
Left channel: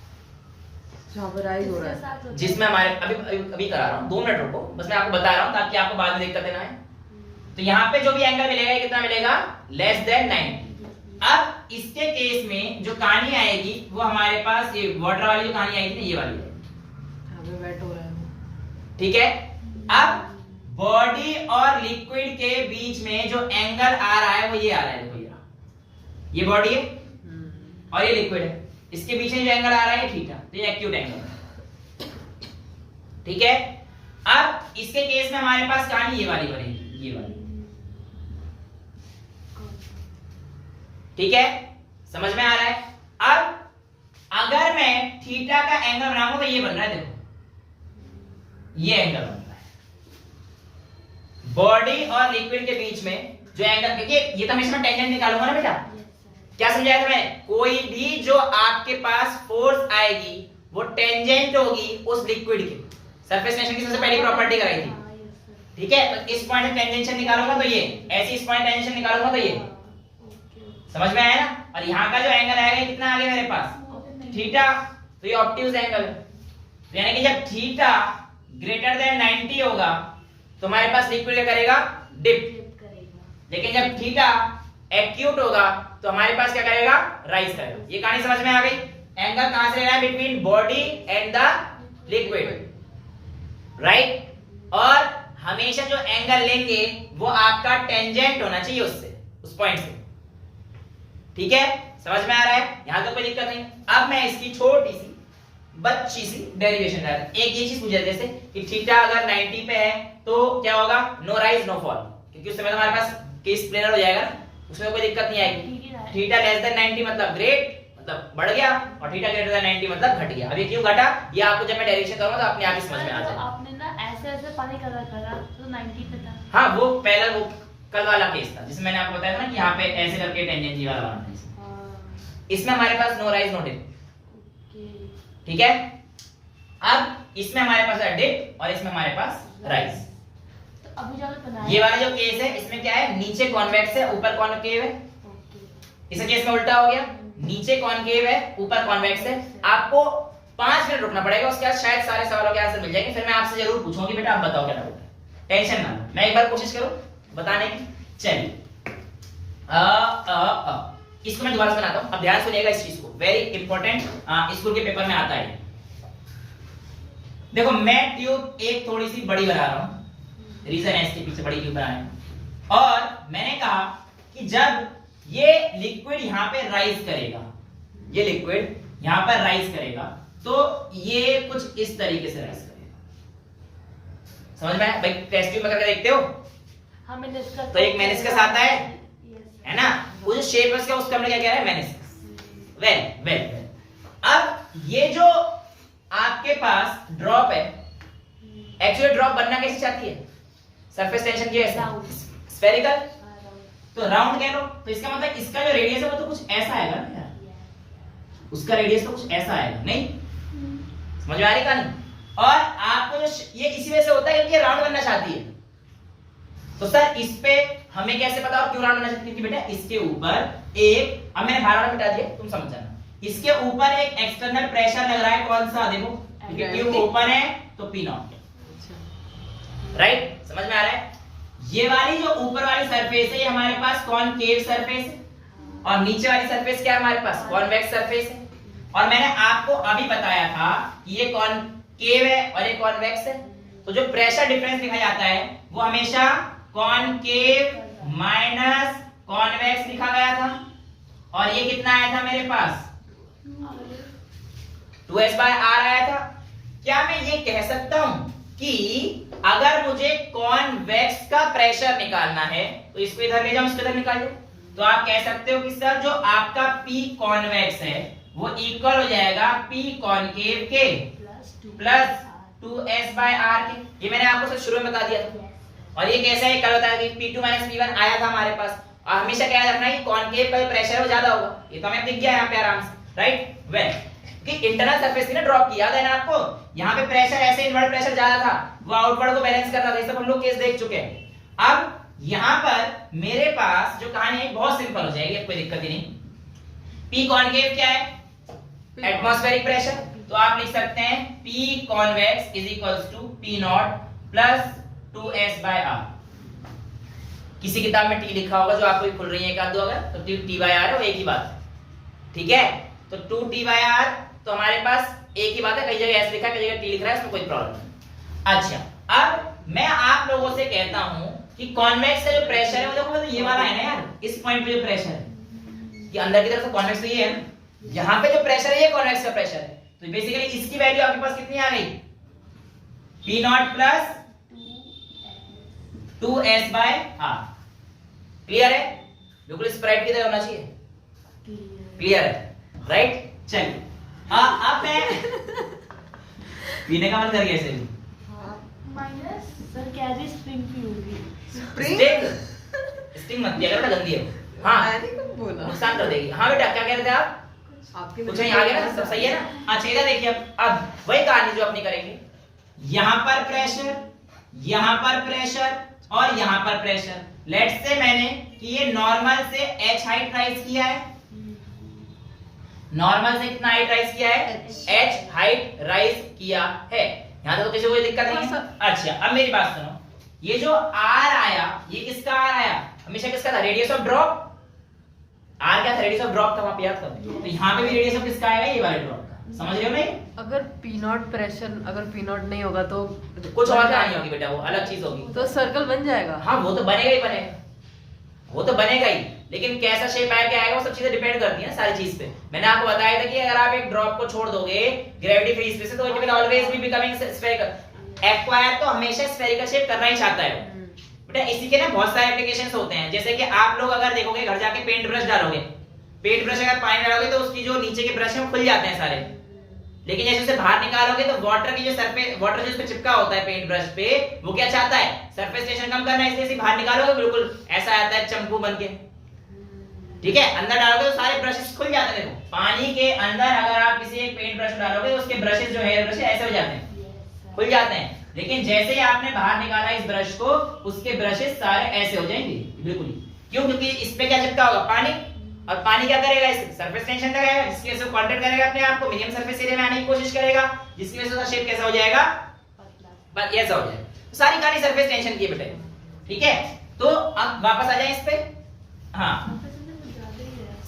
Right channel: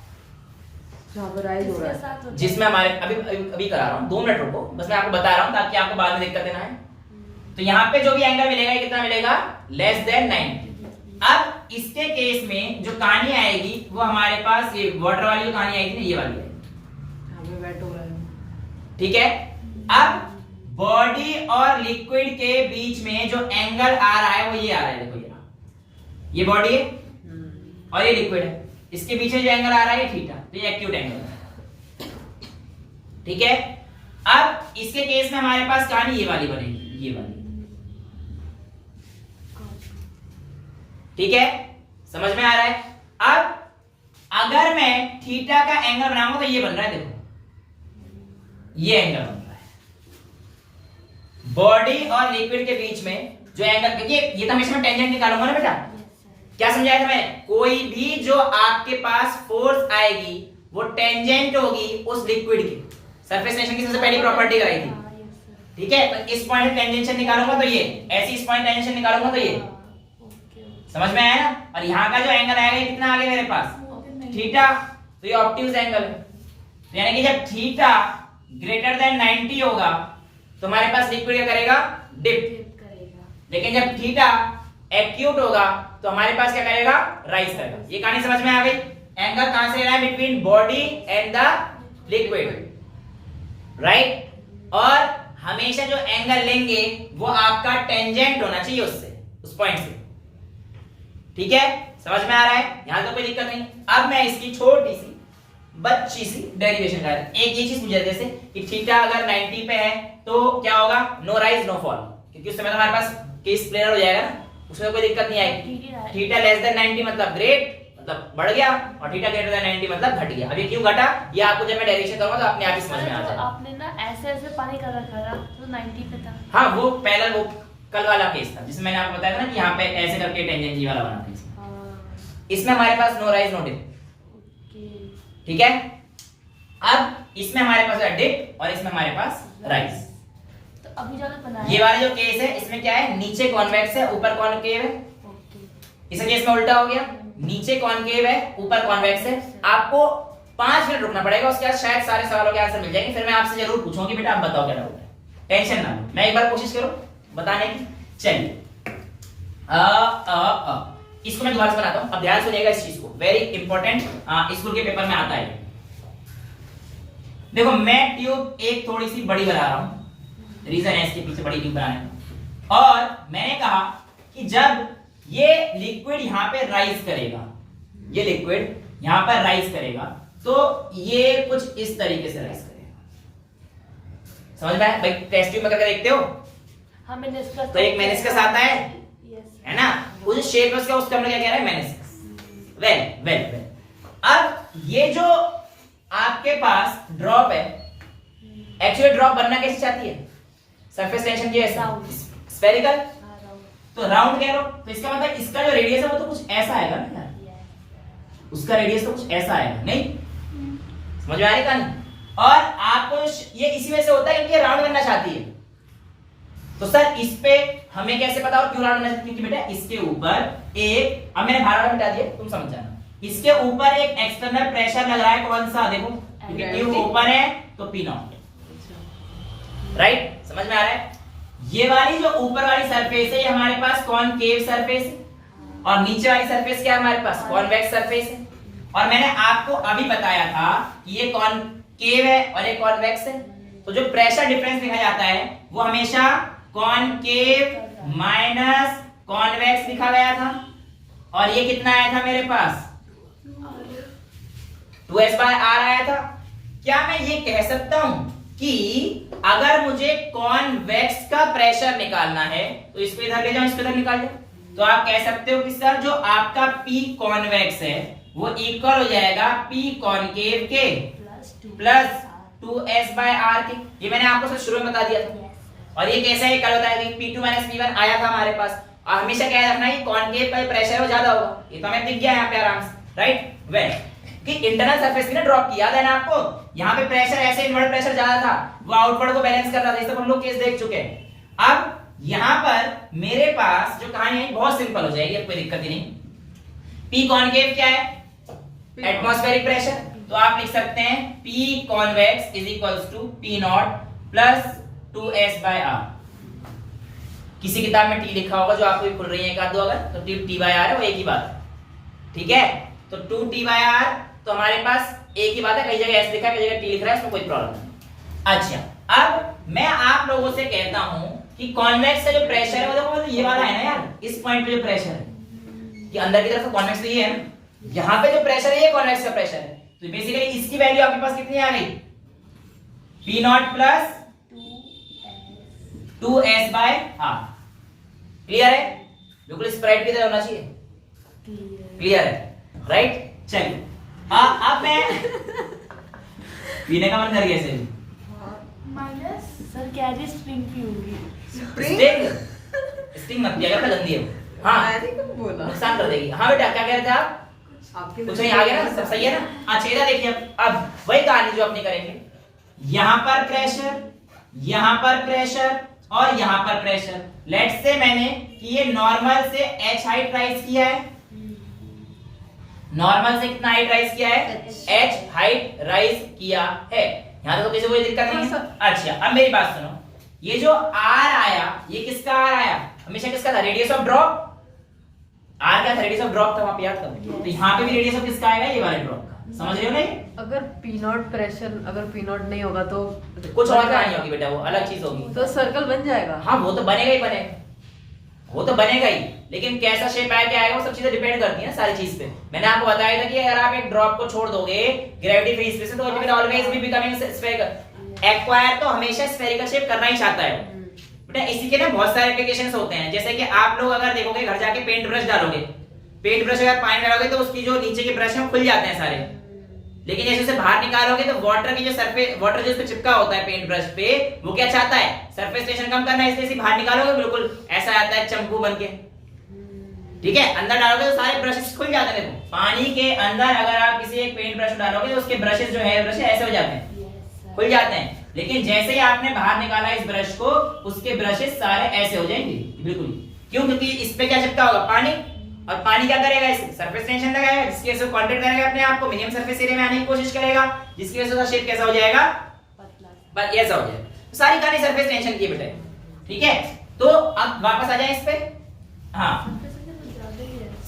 जहाँ पर राइज हो रहा है, जिसमें हमारे अभी करा रहा हूं, 2 मिनट रुको, बस मैं आपको बता रहा हूं ताकि आपको बाद में दिक्कत ना आए। तो यहाँ पे जो भी एंगल मिलेगा ये कितना मिलेगा, लेस देन 90। अब इसके केस में जो कहानी आएगी वो हमारे पास ये वाटर वाली जो कहानी आई थी ना, ये वाली आएगी, हमें वेट हो रहा है। ठीक है। अब बॉडी और लिक्विड के बीच में जो एंगल आ रहा है वो ये आ रहा है, देखो ये बॉडी है और ये लिक्विड है, इसके पीछे जो एंगल आ रहा है ये थीटा, तो ये एक्यूट एंगल है, ठीक है। अब इसके केस में हमारे पास कहानी ये वाली बनेगी, ये वाली, ठीक है, समझ में आ रहा है। अब अगर मैं थीटा का एंगल बनाऊंगा तो ये बन रहा है, देखो ये एंगल बन रहा है बॉडी और लिक्विड के बीच में जो एंगल, क्योंकि ये तो हमेशा मैं टेंजेंट निकालूंगा ना बेटा, क्या समझाया था मैंने, कोई भी जो आपके पास फोर्स आएगी वो टेंजेंट होगी उस लिक्विड की। सरफेस टेंशन की सबसे पहली प्रॉपर्टी कराई थी, ठीक है। तो इस पॉइंट से टेंजेंशन निकालूंगा तो ये, ऐसे इस पॉइंट टेंजेंशन निकालूंगा तो ये, समझ में आया ना। और यहाँ का जो एंगल आएगा कितना आगे मेरे पास, थीटा, तो ये ऑब्ट्यूज एंगल है। तो यानी कि जब थीटा ग्रेटर देन 90 होगा तो हमारे पास लिक्विड क्या करेगा, डिप करेगा, लेकिन जब थीटा एक्यूट होगा तो हमारे पास क्या करेगा, राइज करेगा। ये कहानी समझ में आ गई। एंगल कहां से ले रहा है, between body and the liquid, right. और हमेशा जो एंगल लेंगे वो आपका टेंजेंट होना चाहिए उससे, उस पॉइंट से, ठीक है, समझ में आ रहा है, यहां तो कोई दिक्कत नहीं। अब मैं इसकी छोटी सी बच्ची सी डेरिवेशन कर, एक ये चीज पूछे जैसे कि थीटा अगर 90 पे है तो क्या होगा, नो राइज नो फॉल, क्योंकि उस समय हमारे पास केस क्लियर हो जाएगा ना, उसमें कोई दिक्कत नहीं आएगी। थीटा लेस देन 90 मतलब ग्रेट, मतलब बढ़ गया, और थीटा ग्रेटर देन 90 मतलब घट गया। अब ये क्यों घटा, ये आपको जब मैं डेरिवेशन करूंगा तो अपने आप ही समझ में आ जाएगा। आपने ना ऐसे ऐसे पानी कलर करा तो 90 पे था। हाँ, वो पहला वो कल वाला केस था जिसमें मैंने आपको बताया था ना कि यहाँ पे ऐसे करके टेंजेंट जी वाला बनाना है। इसमें हमारे पास नो राइज नो डिप, ठीक है। अब इसमें हमारे पास है डिप और इसमें हमारे पास राइज। तो अभी जो बनाया ये वाला जो केस है इसमें क्या है, नीचे कॉन्वेक्स है ऊपर कॉनकेव है। इस केस में उल्टा हो गया, नीचे कॉनकेव है ऊपर कॉन्वेक्स है। आपको 5 मिनट रुकना पड़ेगा, उसके बाद शायद सारे सवालों के आंसर मिल जाएंगे। फिर मैं आपसे जरूर पूछूंगी बेटा आप बताओ क्या डाउट है, टेंशन ना लो, मैं एक बार कोशिश करो बताने की। चलिए इसको मैं दोबारा से बनाता हूं, अब ध्यान सुनिएगा इस चीज को, वेरी इंपॉर्टेंट, स्कूल के पेपर में आता है। देखो मैं ट्यूब एक थोड़ी सी बड़ी बना रहा हूं, रीजन है इसके पीछे बड़ी ट्यूब बनाने का, और मैंने कहा कि जब ये लिक्विड यहां पे राइज करेगा, ये लिक्विड यहां पर राइज करेगा तो ये कुछ इस तरीके से राइज करेगा। समझ में आया भाई, टेस्ट ट्यूब में करके देखते हो, तो एक मेनिस्कस आता है ना, उस शेप में उसका हमने क्या कह रहा है, मेनिस्कस। वेल वेल वेल, अब ये जो आपके पास ड्रॉप है, एक्चुअली ड्रॉप बनना कैसे चाहती है, सरफेस टेंशन की ऐसे स्फेरिकल, तो राउंड कह लो, तो इसका मतलब इसका जो रेडियस है वो तो कुछ ऐसा आएगा ना, उसका रेडियस तो कुछ ऐसा आएगा, नहीं समझ में आ रही कहानी। और आपको ये इसी वजह से होता है क्योंकि राउंड करना चाहती है। तो सर इस पे हमें कैसे पता और क्यों राउंड करना चाहती है, बेटा इसके ऊपर एक, अब मैंने बाहर मिटा दिया तुम समझ जाना, इसके ऊपर एक एक्सटर्नल प्रेशर लग रहा है, कौन सा, देखो क्योंकि ट्यूब ओपन है तो पी नॉट, राइट, समझ में आ रहा है। ये वाली जो ऊपर वाली सरफेस है हमारे पास कॉनकेव सरफेस है, और नीचे वाली सरफेस क्या है हमारे पास, कॉन्वेक्स सरफेस है। और मैंने आपको अभी बताया था कि ये कॉनकेव है और ये कॉन्वेक्स है, तो जो प्रेशर डिफरेंस लिखा जाता है वो हमेशा कॉनकेव माइनस कॉन्वेक्स लिखा गया था, और ये कितना आया था मेरे पास, 2s/r आया था। क्या मैं ये कह सकता हूं कि अगर मुझे कॉन्वेक्स का प्रेशर निकालना है तो इसको इधर ले जाओ, इसको इधर निकाल दो, तो आप कह सकते हो कि सर जो आपका P कॉन्वेक्स है वो इक्वल हो जाएगा P कॉनकेव के प्लस 2s/r के, ये मैंने आपको सब शुरू में बता दिया था। और ये कैसा है, कल होता है कि P2 - P1 आया था हमारे पास, और हमेशा क्या रखना है, कॉनकेव का प्रेशर है वो ज्यादा होगा, ये तो हमें दिख गया यहाँ पे आराम से, राइट। वेल कि इंटरनल सरफेस थी ना ड्रॉप की, याद है ना आपको, यहाँ पे प्रेशर ऐसे इनवर्ट प्रेशर ज्यादा था, वो आउटवर्ड को बैलेंस कर रहा था, ये सब हम लोग केस देख चुके हैं। अब यहाँ पर मेरे पास जो कहानी है बहुत सिंपल हो जाएगी, अब कोई दिक्कत ही नहीं। P कॉनकेव क्या है, एटमॉस्फेरिक प्रेशर, तो आप लिख सकते हैं P convex is equals to P0 plus 2s/r। किसी किताब में T लिखा होगा जो आपको भी खुल रही है एक आध दो, अगर तो T/r है, वो एक ही बात है, ठीक है। तो 2T/r तो हमारे पास एक ही बात है, कई जगह S लिखा है, कई जगह T लिख रहा है, इसमें कोई प्रॉब्लम नहीं। अच्छा, अब मैं आप लोगों से कहता हूं कि कॉन्वेक्स का जो प्रेशर है वो देखो, मतलब ये वाला है ना यार, इस पॉइंट पे जो प्रेशर है, ये अंदर की तरफ तो कॉन्वेक्स तो ये है ना, यहाँ पे जो प्रेशर है ये कॉन्वेक्स का प्रेशर है, तो बेसिकली इसकी वैल्यू आपके पास कितनी आ गई, P0 प्लस 2s/r। क्लियर है, बिल्कुल स्प्रेड की तरह होना चाहिए, क्लियर है, राइट। चलिए अब मैं पीने का मन कर गया इसे, माइनस सर कैरी स्ट्रिंग की होगी, स्टिंग मत दिया कर, गंदी है, हाँ नुकसान कर देगी। हाँ बेटा क्या कह रहे थे आप, कुछ नहीं आ गया ना, सब सही है ना। अच्छा इधर देखिए, अब वही कहानी जो अपनी करेंगे, यहाँ पर प्रेशर, यहाँ पर प्रेशर और यहाँ पर प्रेशर। लेट्स से मैंने कि ये नॉर्मल से h हाइट राइज किया है, नॉर्मल से कितना हाइट राइज किया है, h हाइट राइज किया है, यहाँ तो किसी कोई दिक्कत नहीं है। अच्छा अब मेरी बात सुनो, ये जो r आया ये किसका r आया, हमेशा किसका था, रेडियस ऑफ ड्रॉप। r क्या था, रेडियस ऑफ ड्रॉप था, वहां पे याद करो। तो यहाँ पे भी रेडियस ऑफ किसका आएगा, ये वाले ड्रॉप का, समझ रहे हो नहीं। अगर P0 प्रेशर, अगर P0 नहीं होगा तो कुछ और कहानी होगी बेटा, वो अलग चीज होगी, तो सर्कल बन जाएगा। हाँ वो तो बनेगा ही बनेगा, वो तो बनेगा ही, लेकिन कैसा शेप आया क्या आएगा वो सब चीजें डिपेंड करती हैं सारी चीज पे। मैंने आपको बताया था कि अगर आप एक ड्रॉप को छोड़ दोगे ग्रेविटी फ्री स्पेस से, तो it will always be becoming spherical. Acquire तो हमेशा स्फेरिकल शेप करना ही चाहता है बेटा। इसी के ना बहुत सारे एप्लीकेशंस होते हैं, जैसे कि आप लोग अगर देखोगे घर जाके पेंट ब्रश डालोगे, पेंट ब्रश अगर पानी डालोगे तो उसकी जो नीचे के ब्रश है वो खुल जाते हैं सारे, लेकिन जैसे उसे बाहर निकालोगे तो वाटर की जो सरफेस, वाटर जो इस पे चिपका होता है पेंट ब्रश पे, वो क्या चाहता है, सरफेस टेंशन कम करना है, इसलिए इसे बाहर निकालोगे बिल्कुल ऐसा आता है चंपू बन के, ठीक है। अंदर डालोगे तो सारे ब्रशेस खुल जाते हैं। देखो पानी के अंदर अगर आप किसी एक पेंट ब्रश डालोगे तो उसके ब्रशेस जो है ब्रश ऐसे हो जाते हैं, खुल जाते हैं, लेकिन जैसे ही आपने बाहर निकाला इस ब्रश को, उसके ब्रशेस सारे ऐसे हो जाएंगे बिल्कुल। क्यों, क्योंकि इस पे क्या चिपका होगा, पानी, और पानी क्या करेगा, इस सरफेस टेंशन लगाएगा, जिसकी वजह से कांटेक्ट करेगा अपने आप को, मिनिमम सरफेस एरिया में आने की कोशिश करेगा, जिसकी वजह से उसका शेप कैसा हो जाएगा, बस ऐसा हो जाएगा। तो सारी कहानी सरफेस टेंशन की है बेटा, ठीक है। तो अब वापस आ जाए इस पे, हाँ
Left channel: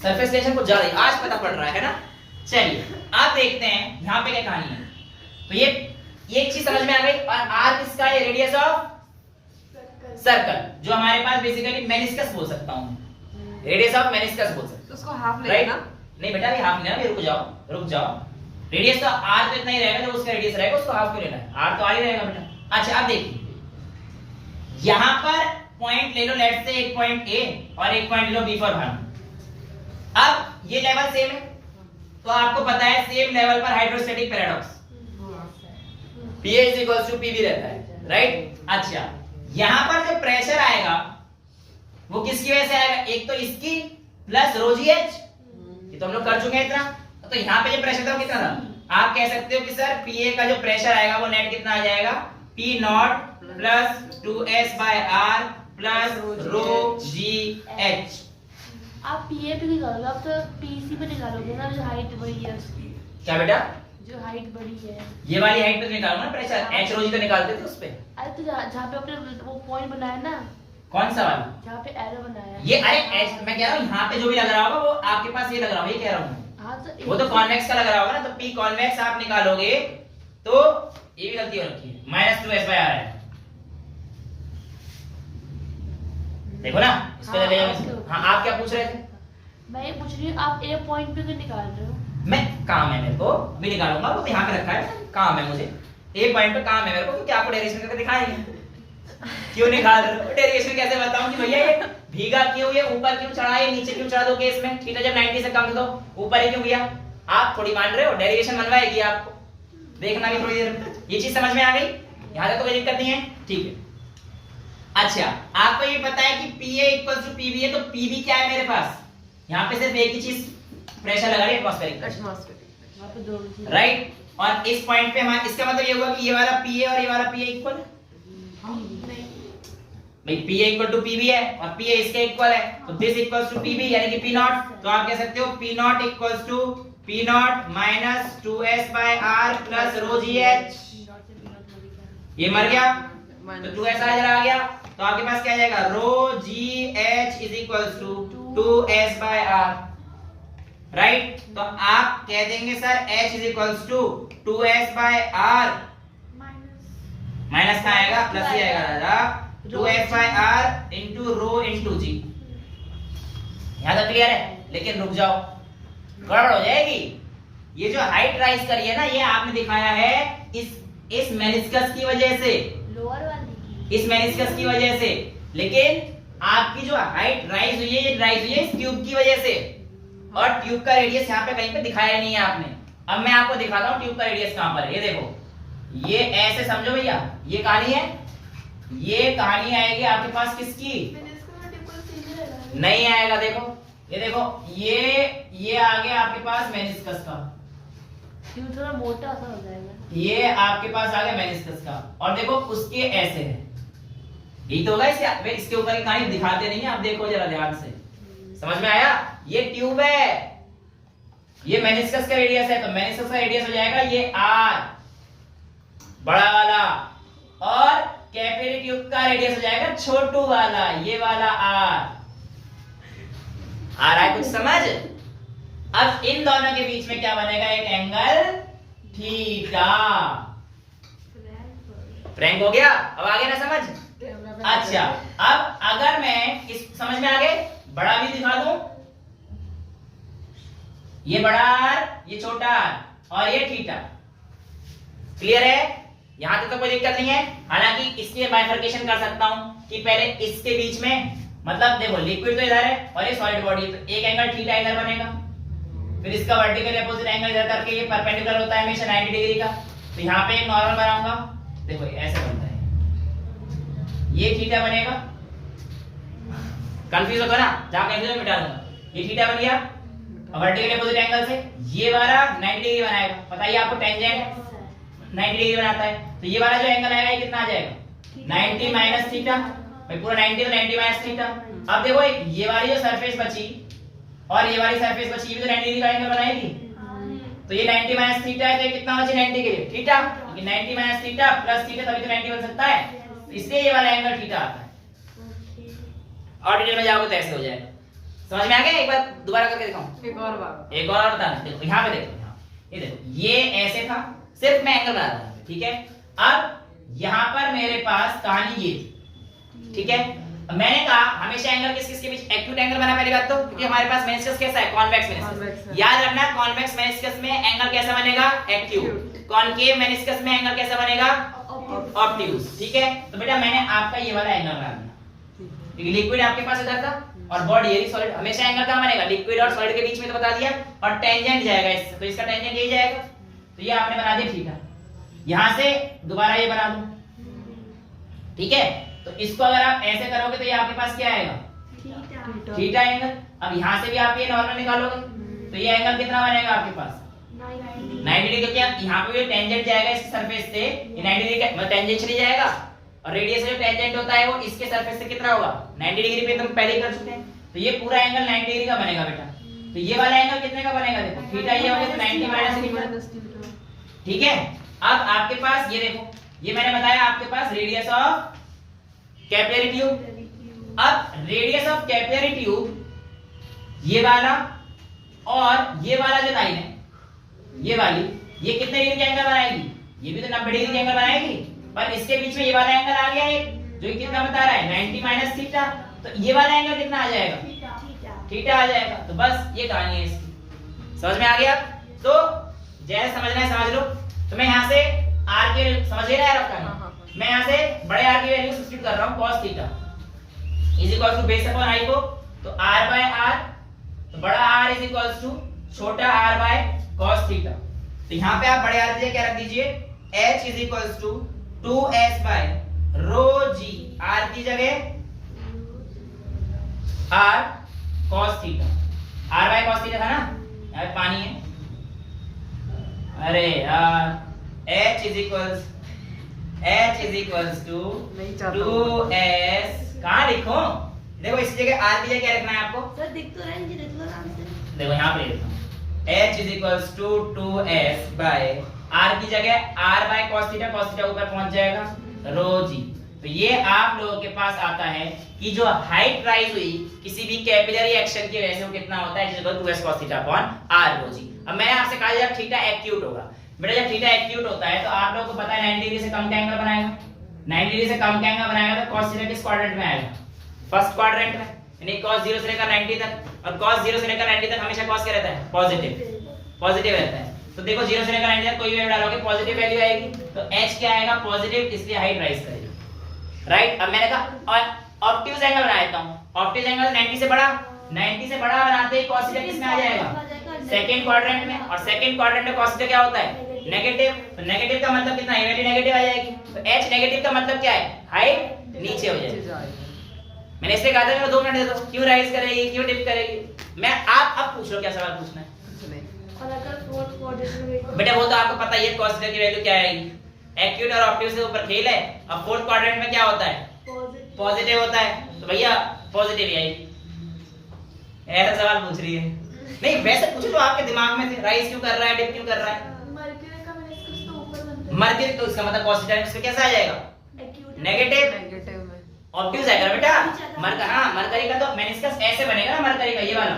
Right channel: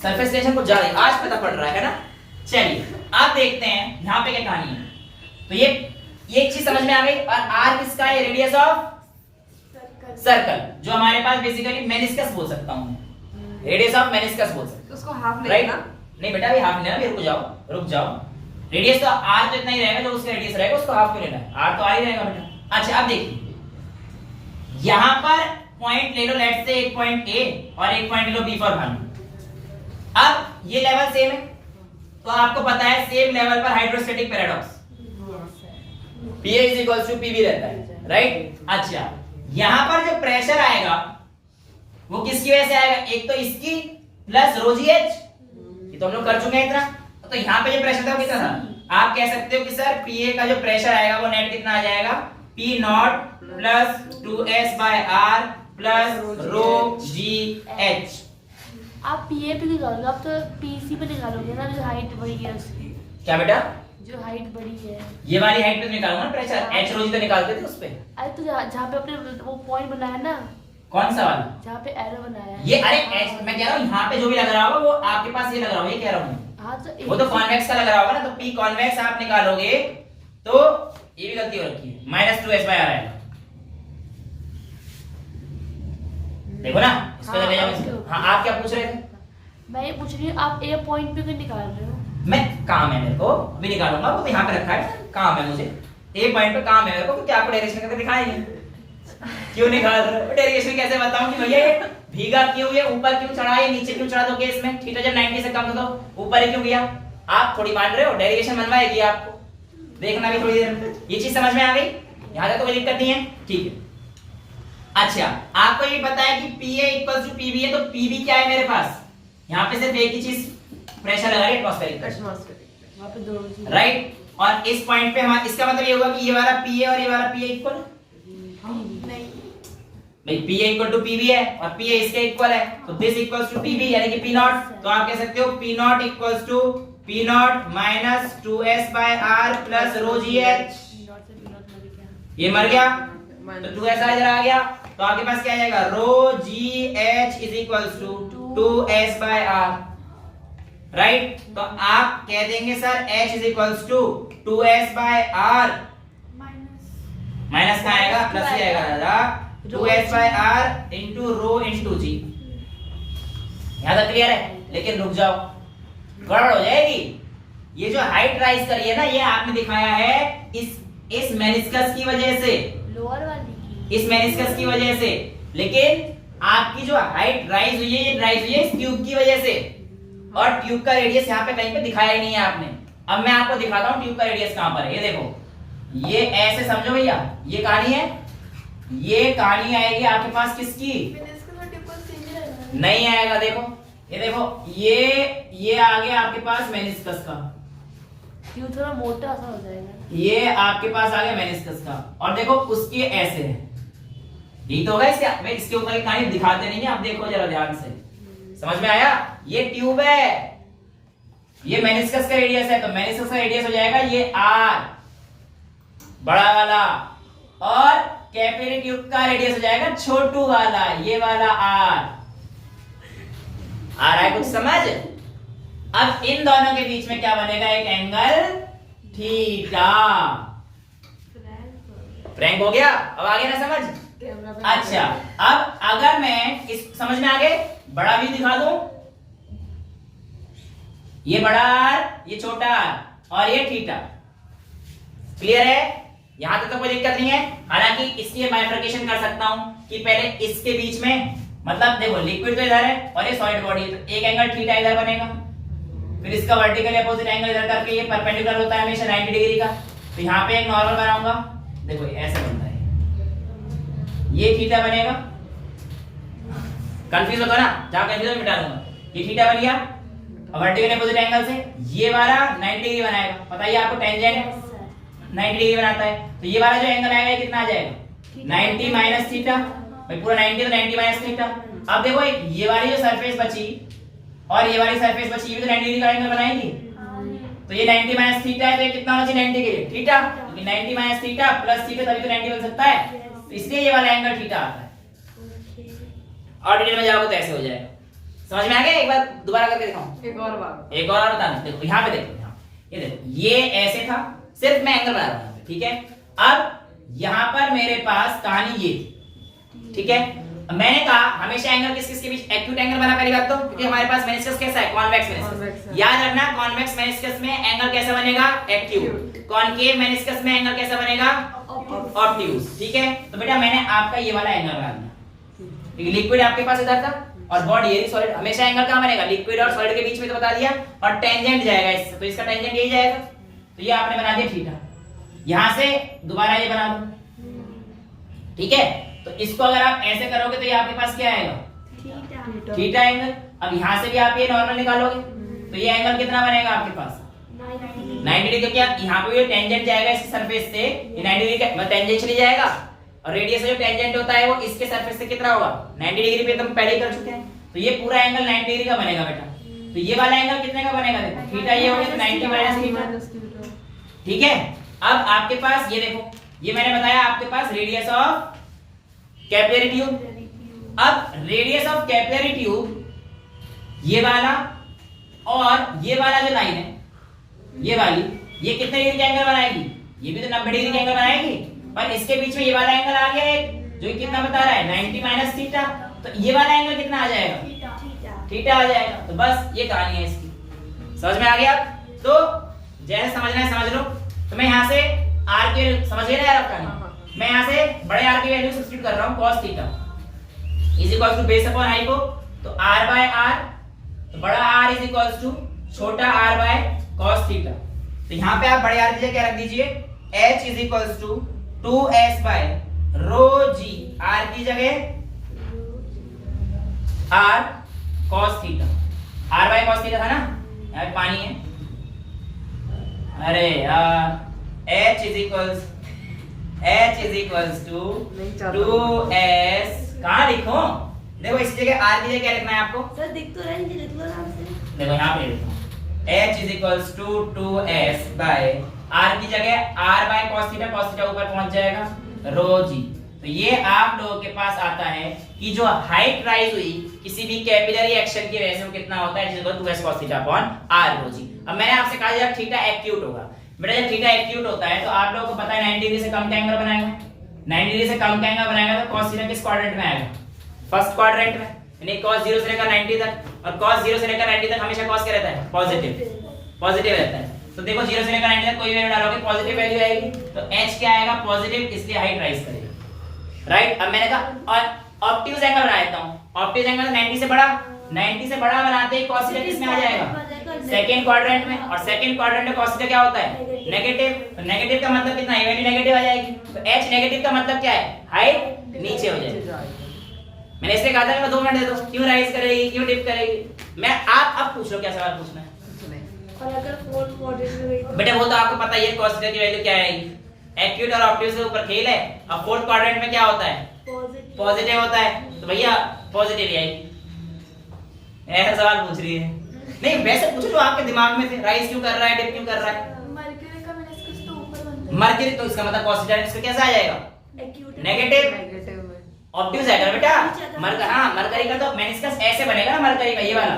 सरफेस टेंशन को ज्यादा आज पता पड़ रहा है ना। चलिए आप देखते हैं यहाँ पे क्या कहानी है। तो ये एक चीज समझ में आ गई, और आर किसका है, रेडियस ऑफ सर्कल, जो हमारे पास बेसिकली मेनिस्कस बोल सकता हूँ, रेडियस ऑफ मेनिस्कस बोल सकते हैं, उसको हाफ राइट। लेना। नहीं बेटा अभी हाफ लेना, रुक जाओ। रेडियस तो आर तो इतना ही रहेगा, जो उसका रेडियस रहेगा उसको हाफ क्यों लेना है, आर तो आर ही रहेगा बेटा। अच्छा अब देखिए यहां पर पॉइंट ले लो, लेट्स से एक पॉइंट ए और एक पॉइंट ले लो बी फॉर भानु। अब ये लेवल सेम है, तो आपको पता है सेम लेवल पर hydrostatic paradox Pa is equals to Pv रहता है, राइट। अच्छा यहां पर जो प्रेशर आएगा वो किसकी वजह से आएगा, एक तो इसकी प्लस रो जी एच, ये तो हम लोग कर चुके हैं इतना। तो यहाँ पे जो प्रेशर था वो कितना था, आप कह सकते हो कि सर Pa का जो प्रेशर आएगा वो नेट कितना आ जाएगा, P0 प्लस 2s/r प्लस रो जी एच। आप पीए पे निकालोगे, आप तो पीसी पे निकालोगे ना, जो हाइट बड़ी है उसकी, क्या बेटा, जो हाइट बड़ी है, ये वाली हाइट पे तो निकालूंगा ना प्रेशर, h रो जी तो निकालते थे उस पे। अरे तो जहाँ पे आपने वो पॉइंट बनाया ना, कौन सा वाला, जहाँ पे एरो बनाया है, ये अरे h मैं कह रहा हूँ यहाँ पे जो भी लग रहा होगा वो आपके पास ये लग रहा होगा, ये कह रहा हूँ हाँ तो वो तो कॉन्वेक्स का लग रहा होगा ना, तो P कॉन्वेक्स आप निकालोगे तो ये भी गलती हो रखी है, -2s/r आएगा, देखो ना इसको ले जाओ। हाँ आप क्या पूछ रहे थे, मैं ये पूछ रही हूँ आप ए पॉइंट पे क्यों निकाल रहे हो, मैं काम है मेरे को, अभी निकालूंगा, वो तो यहाँ पे रखा है, काम है मुझे, ए पॉइंट पे काम है मेरे को, क्योंकि आपको डायरेक्शन करके दिखाएंगे। क्यों निकाल रहे हो, डायरेक्शन कैसे बताऊं कि भैया ये भीगा क्यों, ये ऊपर क्यों चढ़ा, ये नीचे क्यों चढ़ा, दो केस में थीटा जब 90 से कम हो तो ऊपर ही क्यों गया, आप थोड़ी मान रहे हो, डेरिवेशन बनवाएगी आपको, देखना भी थोड़ी देर। ये चीज समझ में आ गई? यहां तक तो कोई दिक्कत नहीं है, ठीक है। अच्छा, आपको ये पता है कि PA इक्वल्स टू PB है, तो PB क्या है मेरे पास? यहाँ पे सिर्फ एक ही चीज प्रेशर लगा रही है, एटमॉस्फेरिक, वहाँ पे दो चीज़। राइट। और इस पॉइंट पे हमारा इसका मतलब ये होगा कि ये वाला PA और ये वाला PA इक्वल, भाई PA इक्वल टू PB है और PA इसके इक्वल है, तो दिस इक्वल्स टू PB यानी कि P नॉट। तो आप कह सकते हो P not equals to P not minus 2S by R plus rho GH। ये मर गया तो 2S इधर आ गया, तो आपके पास क्या आ जाएगा? Rho GH is equals to 2S by R, right. तो आप कह देंगे sir H is equals to 2S by R, minus का आएगा प्लस ही आएगा राजा, 2S by R into rho into G। यहां तक क्लियर है? लेकिन रुक जाओ, गड़बड़ हो जाएगी। ये जो हाइट राइज करी है ना, ये आपने दिखाया है इस मेनिस्कस की वजह से, लोअर वाली इस मेनिस्कस की वजह से, लेकिन आपकी जो हाइट राइज हुई है, ये राइज हुई है इस ट्यूब की वजह से, और ट्यूब का रेडियस यहाँ पे कहीं पे दिखाया ही नहीं है आपने। अब मैं आपको दिखाता हूँ ट्यूब का रेडियस कहां पर है। ये देखो, ये ऐसे समझो भैया, ये कहानी है, ये कहानी आएगी आपके पास किसकी? नहीं आएगा। देखो, ये देखो, ये आ गया आपके पास मेनिस्कस का, ट्यूब थोड़ा मोटा सा हो जाएगा। ये आपके पास आ गया मेनिस्कस का, और देखो उसके ऐसे है, यही तो होगा। इसके ऊपर की कहानी दिखाते नहीं है, आप देखो जरा ध्यान से, समझ में आया? ये ट्यूब है, ये मेनिस्कस का रेडियस है, तो मेनिस्कस का रेडियस हो जाएगा ये R बड़ा वाला, और कैपिलरी ट्यूब का रेडियस हो जाएगा छोटू वाला, ये वाला R। आ रहा है कुछ समझ? अब इन दोनों के बीच में क्या बनेगा? एक एंगल थीटा। फ्रैंक हो गया? अब आ गया ना समझ? अच्छा, अब अगर मैं इस समझ में आ गए, बड़ा भी दिखा दूं, ये बड़ा R, ये छोटा R, और ये थीटा। क्लियर है? यहां तक तो कोई दिक्कत नहीं है। हालांकि इसलिए बाइफरकेशन कर सकता हूं कि पहले इसके बीच में, मतलब देखो लिक्विड तो इधर है और ये सॉलिड बॉडी है, तो एक एंगल थीटा इधर बनेगा, फिर इसका वर्टिकल अपोजिट एंगल इधर करके ये परपेंडिकुलर होता है हमेशा 90 डिग्री का, तो यहाँ पे एक नॉर्मल बनाऊंगा। देखो ऐसे बनता है, ये थीटा बनेगा। कंफ्यूज होता ना, जहां कंफ्यूजन मिटा दूंगा। ये थीटा बन गया, वर्टिकल अपोजिट एंगल से ये वाला 90 डिग्री बनाएगा। पता ही आपको टेंजेंट 90 डिग्री बनाता है, तो ये वाला जो एंगल आएगा ये कितना आ जाएगा? 90 माइनस थीटा। भाई पूरा 90 तो 90 माइनस थीटा। अब देखो ये वाली जो सरफेस बची और ये वाली सरफेस बची, ये भी तो 90 डिग्री का एंगल बनाएगी, तो ये 90 माइनस थीटा है, तो ये कितना बची? 90 के लिए थीटा, क्योंकि 90 माइनस थीटा प्लस थीटा तभी तो 90 बन सकता है, तो इसलिए ये वाला एंगल थीटा आता है। और डिटेल में जाओगे तो ऐसे हो जाएगा। समझ में आ गया? एक बार दोबारा करके दिखाऊं, एक और बताना। देखो यहाँ पे देखो, ये देखो, ये ऐसे था, सिर्फ मैं एंगल बना रहा हूं, ठीक है। अब यहां पर मेरे पास कहानी ये थी, ठीक है। मैंने कहा हमेशा एंगल किस के बीच? एक्यूट एंगल बना पहली बात तो, क्योंकि हमारे पास मेनिस्कस कैसा है? Convex meniscus. याद रखना, कॉन्वेक्स मेनिस्कस में एंगल कैसा बनेगा? एक्यूट। कॉनकेव मेनिस्कस में एंगल कैसा बनेगा? ऑब्ट्यूज। ठीक है, तो बेटा मैंने आपका ये वाला एंगल बना दिया, क्योंकि लिक्विड आपके पास इधर था और बॉडी ये सॉलिड। हमेशा एंगल कहां बनेगा? लिक्विड और सॉलिड के बीच में, तो बता दिया। और टेंजेंट जाएगा इससे, तो इसका टेंजेंट यही जाएगा, तो ये आपने बना दिया थीटा। यहां से दोबारा ये बना दो, ठीक है। तो इसको अगर आप ऐसे करोगे तो ये आपके पास क्या आएगा? Theta angle. अब यहां से भी आप ये नॉर्मल निकालोगे तो ये एंगल कितना बनेगा आपके पास? 90 डिग्री। क्या यहाँ पे ये टेंजेंट जाएगा इसकी सरफेस से, ये 90 डिग्री का मतलब टेंजेंट चली जाएगा, और रेडियस जो टेंजेंट होता है वो इसके सरफेस से कितना होगा? 90 डिग्री पे तुम पहले कर चुके हैं, तो ये पूरा एंगल 90 डिग्री का बनेगा बेटा। तो ये वाला एंगल कितने का बनेगा? देखो थीटा ये हो गया, तो 90 माइनस थीटा, ठीक है। अब आपके पास ये देखो, ये मैंने बताया आपके पास रेडियस ऑफ कैपिलरी ट्यूब। अब रेडियस ऑफ कैपिलरी ट्यूब ये वाला और ये वाला जो लाइन है, ये वाली, ये कितने डिग्री का एंगल बनाएगी? ये भी तो 90 डिग्री का एंगल बनाएगी, पर इसके बीच में ये वाला एंगल आ गया है जो कितना बता रहा है? 90 माइनस थीटा। तो ये वाला एंगल कितना आ जाएगा? थीटा आ जाएगा। तो बस ये कहानी है इसकी, समझ में आ गया? तो जैसे समझना है समझ लो। तो मैं यहाँ से r के समझ लेना यार आपका, मैं यहाँ से बड़े R की वैल्यू सब्स्टिट्यूट कर रहा हूँ, cos theta is equal to base upon i को, तो r बाय r, तो बड़ा R इज इक्वल टू छोटा r बाय cos थीटा। तो यहाँ पे आप बड़े आर की जगह क्या रख दीजिए, H is equals to 2s by rho G, R की जगह r cos theta, r by cos theta था ना, यहाँ पे पानी है, अरे यार H is equals to 2s, कहाँ लिखो, देखो इस जगह r की जगह क्या लिखना है आपको, सर दिख तो रहा है, मुझे लिख लो आराम से। देखो यहाँ पे लिखता हूँ H is equals to 2s by r की जगह r बाय cos थीटा ऊपर पहुंच जाएगा रो जी। तो ये आप लोगों के पास आता है कि जो हाइट राइज हुई किसी भी कैपिलरी एक्शन की वजह से वो कितना होता है, 2s cos theta upon r रो जी। अब मैंने आपसे कहा जब थीटा एक्यूट होगा, बेटा जब थीटा एक्यूट होता है तो आप लोगों को पता है 90 डिग्री से कम का एंगल बनाएगा, 90 डिग्री से कम का एंगल बनाएगा तो cos थीटा किस क्वाड्रेंट में आएगा, फर्स्ट क्वाड्रेंट में, यानी cos 0 से लेकर 90 तक, और cos 0 से लेकर 90 तक हमेशा cos क्या रहता है, पॉजिटिव रहता है। तो देखो 0 से लेकर 90 तक कोई वैल्यू डालोगे पॉजिटिव वैल्यू आएगी, तो h क्या आएगा, पॉजिटिव, इसलिए हाइट राइज करेगा, राइट। अब मैंने कहा और ऑब्ट्यूज एंगल बना देता हूं, ऑब्ट्यूज एंगल 90 से बड़ा बनाते ही cos थीटा किस में आ जाएगा, सेकंड क्वाड्रेंट में, और सेकंड क्वाड्रेंट में cos थीटा क्या होता है, नेगेटिव। नेगेटिव का मतलब कितना, ये वैल्यू नेगेटिव आ जाएगी, तो h नेगेटिव का मतलब क्या है, हाइट नीचे हो जाएगी। मैंने इसलिए कहा था कि मैं 2 मिनट दे दो, क्यों राइज करेगी, क्यों डिप करेगी। मैं आप अब पूछ लो क्या सवाल पूछना है, और अगर फोर्थ क्वाड्रेंट में बेटा वो तो आपको पता ही है cos थीटा की वैल्यू क्या आएगी, एक्यूट और ऑब्ट्यूज के ऊपर खेल है। अब फोर्थ क्वाड्रेंट में क्या होता है, पॉजिटिव होता है, तो भैया पॉजिटिव ही आएगी। ऐसा सवाल पूछ रही है, नहीं वैसे पूछो जो आपके दिमाग में से, राइज क्यों कर रहा है, डिप क्यों कर रहा है, मरकरी का मेनिस्कस तो ऊपर बनता है, मरकरी, तो इसका मतलब cos थीटा इसमें कैसा आ जाएगा, नेगेटिव, ऑब्ट्यूज आएगा बेटा। मरकरी का तो मेनिस्कस ऐसे बनेगा ना, मरकरी का ये वाला,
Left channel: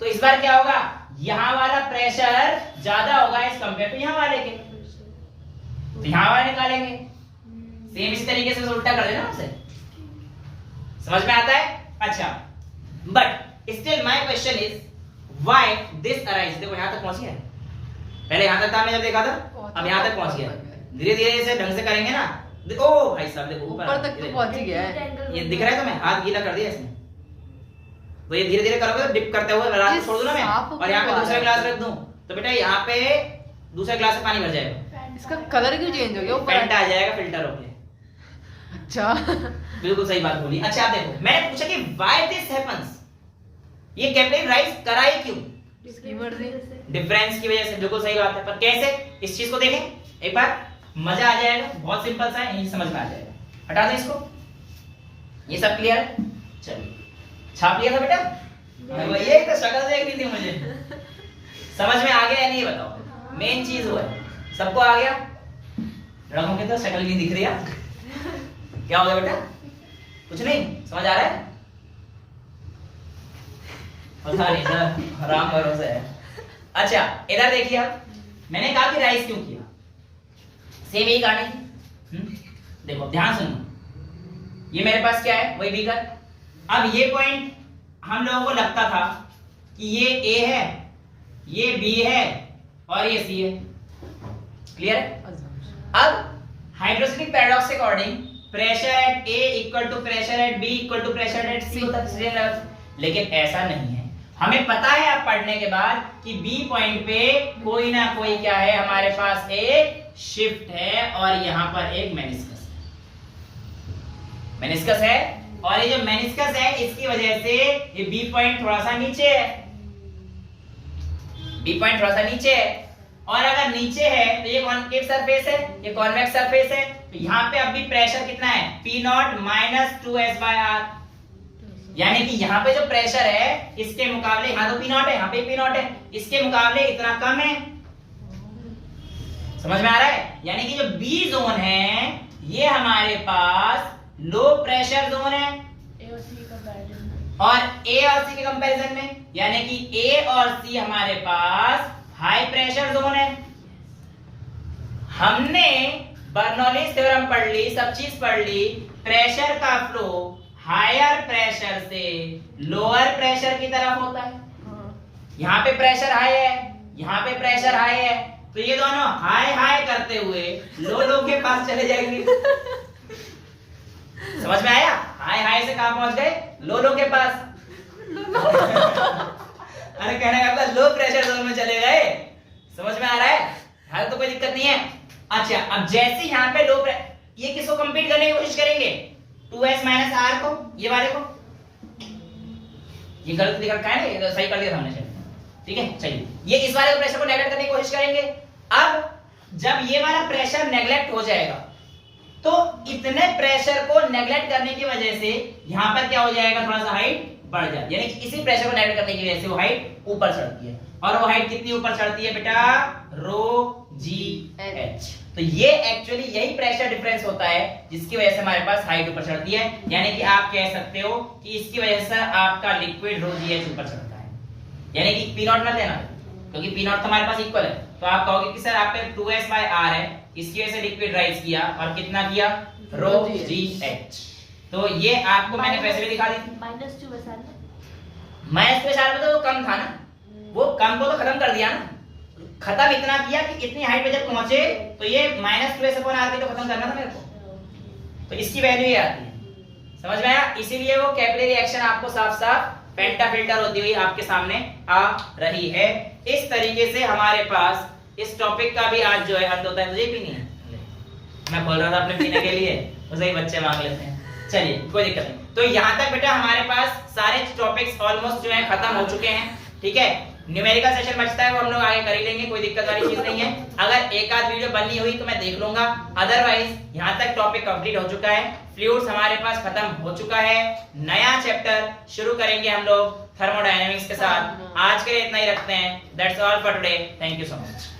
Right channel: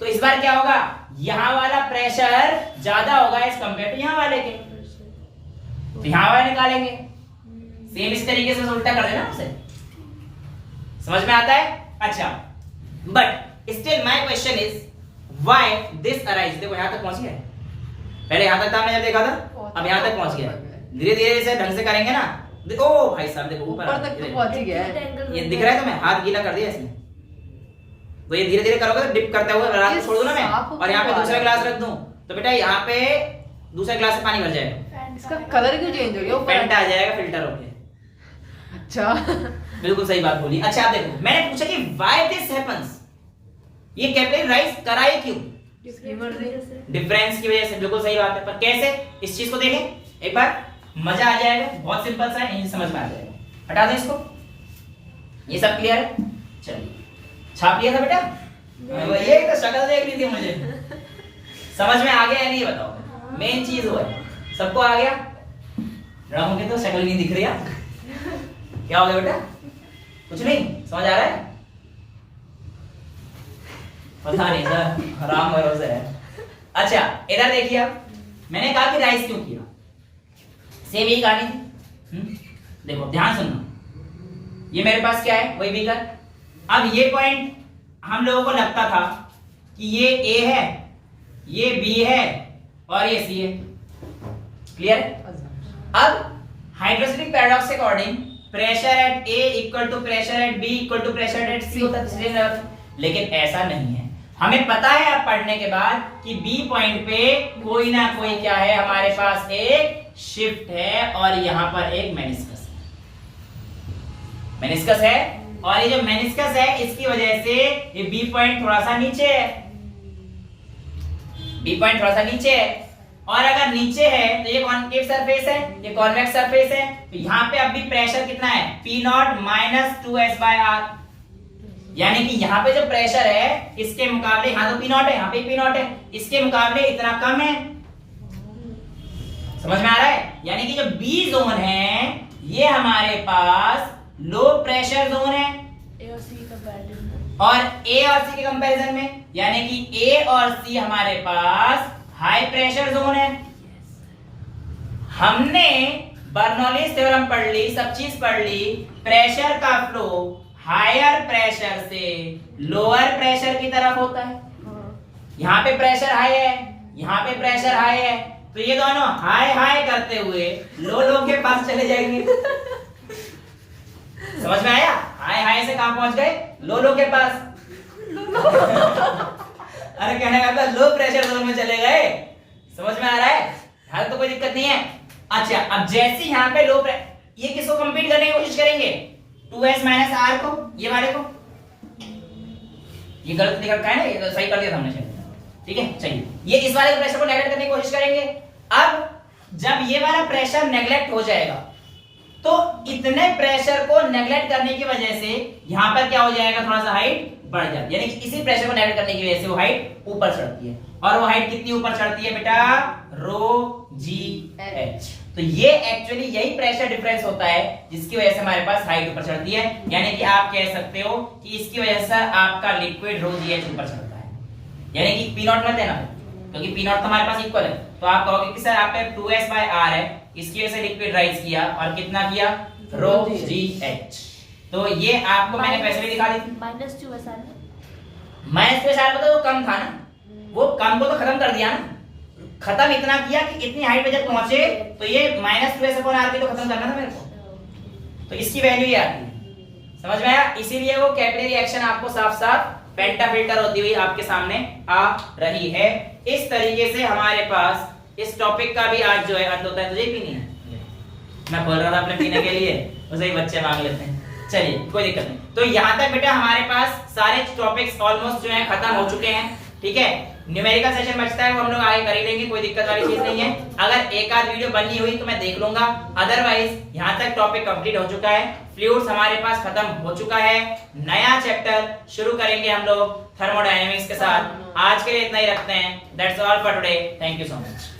तो इस बार क्या होगा, यहाँ वाला प्रेशर ज्यादा होगा एज कंपेयर टू यहाँ वाले के, तो यहाँ वाला निकालेंगे, सेम इसी तरीके से उल्टा कर देना उसे, समझ में आता है। अच्छा, but still my question is why this arise. देखो यहाँ तक पहुंच गया है, पहले यहाँ तक था मैं जब देखा था, अब यहाँ तक पहुंच गया, धीरे धीरे इसे ढंग से करेंगे ना। ओ भाई साहब देखो ऊपर तक पहुंच गया है, ये दिख रहा है तुम्हें, हाथ गीला कर दिया इसने, तो ये धीरे धीरे करोगे तो डिप करते हुए रात छोड़ दो ना मैं, और यहाँ पे दूसरा ग्लास रख दूं तो बेटा यहाँ पे दूसरा ग्लास में पानी भर जाएगा, इसका कलर क्यों चेंज हो गया, पेंट आ जाएगा फिल्टर होके। अच्छा बिल्कुल सही बात बोली। अच्छा आप देखो, मैंने पूछा कि व्हाई दिस हैपेंस, ये कैपिलरी राइज कराए क्यों, डिफरेंस की वजह से, बिल्कुल सही बात है। पर कैसे, इस चीज को देखें एक बार, मजा आ जाएगा, बहुत सिंपल सा है, यही समझ में आ जाएगा। हटा दो इसको, ये सब क्लियर है, चलिए छाप लिया था बेटा, ये तो शक्ल देखनी थी मुझे, समझ में आ गया है नहीं ये बताओ, मेन चीज वो है, सबको आ गया, रंग की तो शक्ल नहीं दिख रही है, क्या हो गया बेटा, कुछ नहीं समझ आ रहा है, पता नहीं सर, राम भरोसे है। अच्छा इधर देखिए, अब मैंने कहा कि राइज क्यों किया, सेम यही कहानी थी। देखो ध्यान सुनना, ये मेरे पास क्या है, वही बीकर। अब ये पॉइंट हम लोगों को लगता था कि ये A है, ये B है और ये C है, क्लियर। अब हाइड्रोस्टैटिक पैराडॉक्स के according pressure at A equal to pressure at B equal to pressure at C होता है, लेकिन ऐसा नहीं है। हमें पता है अब पढ़ने के बाद कि B पॉइंट पे कोई ना कोई क्या है, हमारे पास एक शिफ्ट है और यहां पर एक मेनिस्कस है, और ये जो मेनिस्कस है इसकी वजह से ये B पॉइंट थोड़ा सा नीचे है, B पॉइंट थोड़ा सा नीचे है, और अगर नीचे है तो ये कॉन्केव सरफेस है, ये कॉन्वेक्स सरफेस है, तो यहाँ पे अब भी प्रेशर कितना है, P0 माइनस 2s/r, यानी कि यहाँ पे जो प्रेशर है इसके मुकाबले, यहाँ तो P0 है, यहाँ पे P0 है, इसके मुकाबले इतना कम है, समझ में आ रहा है। यानी कि जो B जोन है ये हमारे पास लो प्रेशर जोन है, और A और C के कंपैरिजन में, यानी कि A और C हमारे पास हाई प्रेशर जोन है। हमने बर्नौलीज थ्योरम पढ़ ली, सब चीज पढ़ ली, प्रेशर का फ्लो हायर प्रेशर से लोअर प्रेशर की तरफ होता है। यहाँ पे प्रेशर हाई है, यहाँ पे प्रेशर हाई है, तो ये दोनों हाई हाई करते हुए लो के पास चले जाएंगे। समझ में आया, हाई हाई से कहां पहुंच गए, लो के पास। अरे कहने का मतलब लो प्रेशर जोन में चले गए, समझ में आ रहा है। तो कोई दिक्कत नहीं है। अच्छा, अब जैसे यहाँ पे लो ये किसको कंप्लीट करने की कोशिश करेंगे, 2s माइनस आर को, ये वाले को, ये गलत लिख रखा है ना, ये सही कर दिया था हमने शायद, ठीक है। चलिए, ये इस वाले प्रेशर को नेगलेक्ट करने की कोशिश करेंगे। अब जब ये वाला प्रेशर नेगलेक्ट हो जाएगा तो इतने प्रेशर को नेगलेक्ट करने की वजह से यहां पर क्या हो जाएगा, थोड़ा सा हाइट बढ़ जाती है, यानी कि इसी प्रेशर को नेगलेक्ट करने की वजह से वो हाइट ऊपर चढ़ती है। और वो हाइट कितनी ऊपर चढ़ती है बेटा, रो जी एच। तो ये एक्चुअली यही प्रेशर डिफरेंस होता है जिसकी वजह से हमारे पास हाइट ऊपर चढ़ती है, यानी कि आप कह सकते हो कि इसकी वजह से आपका लिक्विड रो जी एच ऊपर चढ़ता है, यानी कि पी नॉट मत लेना, क्योंकि पी नॉट हमारे पास इक्वल है। तो आप कहोगे कि सर आप पे 2s बाय r है, इसकी वजह से लिक्विड राइज किया और कितना किया, रो जी एच। तो ये आपको मैंने पैसे में दिखा दी थी, -2 बसा ले, -2 सारा मतलब वो कम था ना, वो कम को तो खत्म कर दिया ना, खत्म इतना किया कि इतनी हाइट पे जब पहुंचे तो ये -2s अपॉन r की तो खत्म करना था मेरे को, तो इसकी वैल्यू ये आती है, समझ में आया। इसीलिए वो कैपिलरी रिएक्शन आपको साफ साफ पेंटा फिल्टर होती हुई आपके सामने आ रही है। इस तरीके से हमारे पास इस टॉपिक का भी आज जो है अंत होता है। तुझे पीनी है, मैं बोल रहा था अपने पीने के लिए, उसे ही बच्चे मांग लेते हैं। चलिए कोई दिक्कत नहीं। तो यहाँ तक बेटा हमारे पास सारे टॉपिक्स ऑलमोस्ट जो है खत्म हो चुके हैं, ठीक है। न्यूमेरिकल सेशन बचता है, वो हम लोग आगे कर ही लेंगे, कोई दिक्कत वाली चीज नहीं है। अगर एक आध वीडियो बननी हुई तो मैं देख लूंगा, अदरवाइज यहाँ तक टॉपिक कंप्लीट हो चुका है। फ्लूइड्स हमारे पास खत्म हो चुका है, नया चैप्टर शुरू करेंगे हम लोग थर्मोडायनेमिक्स के साथ। आज के लिए इतना ही रखते हैं। That's all for today, thank you so much.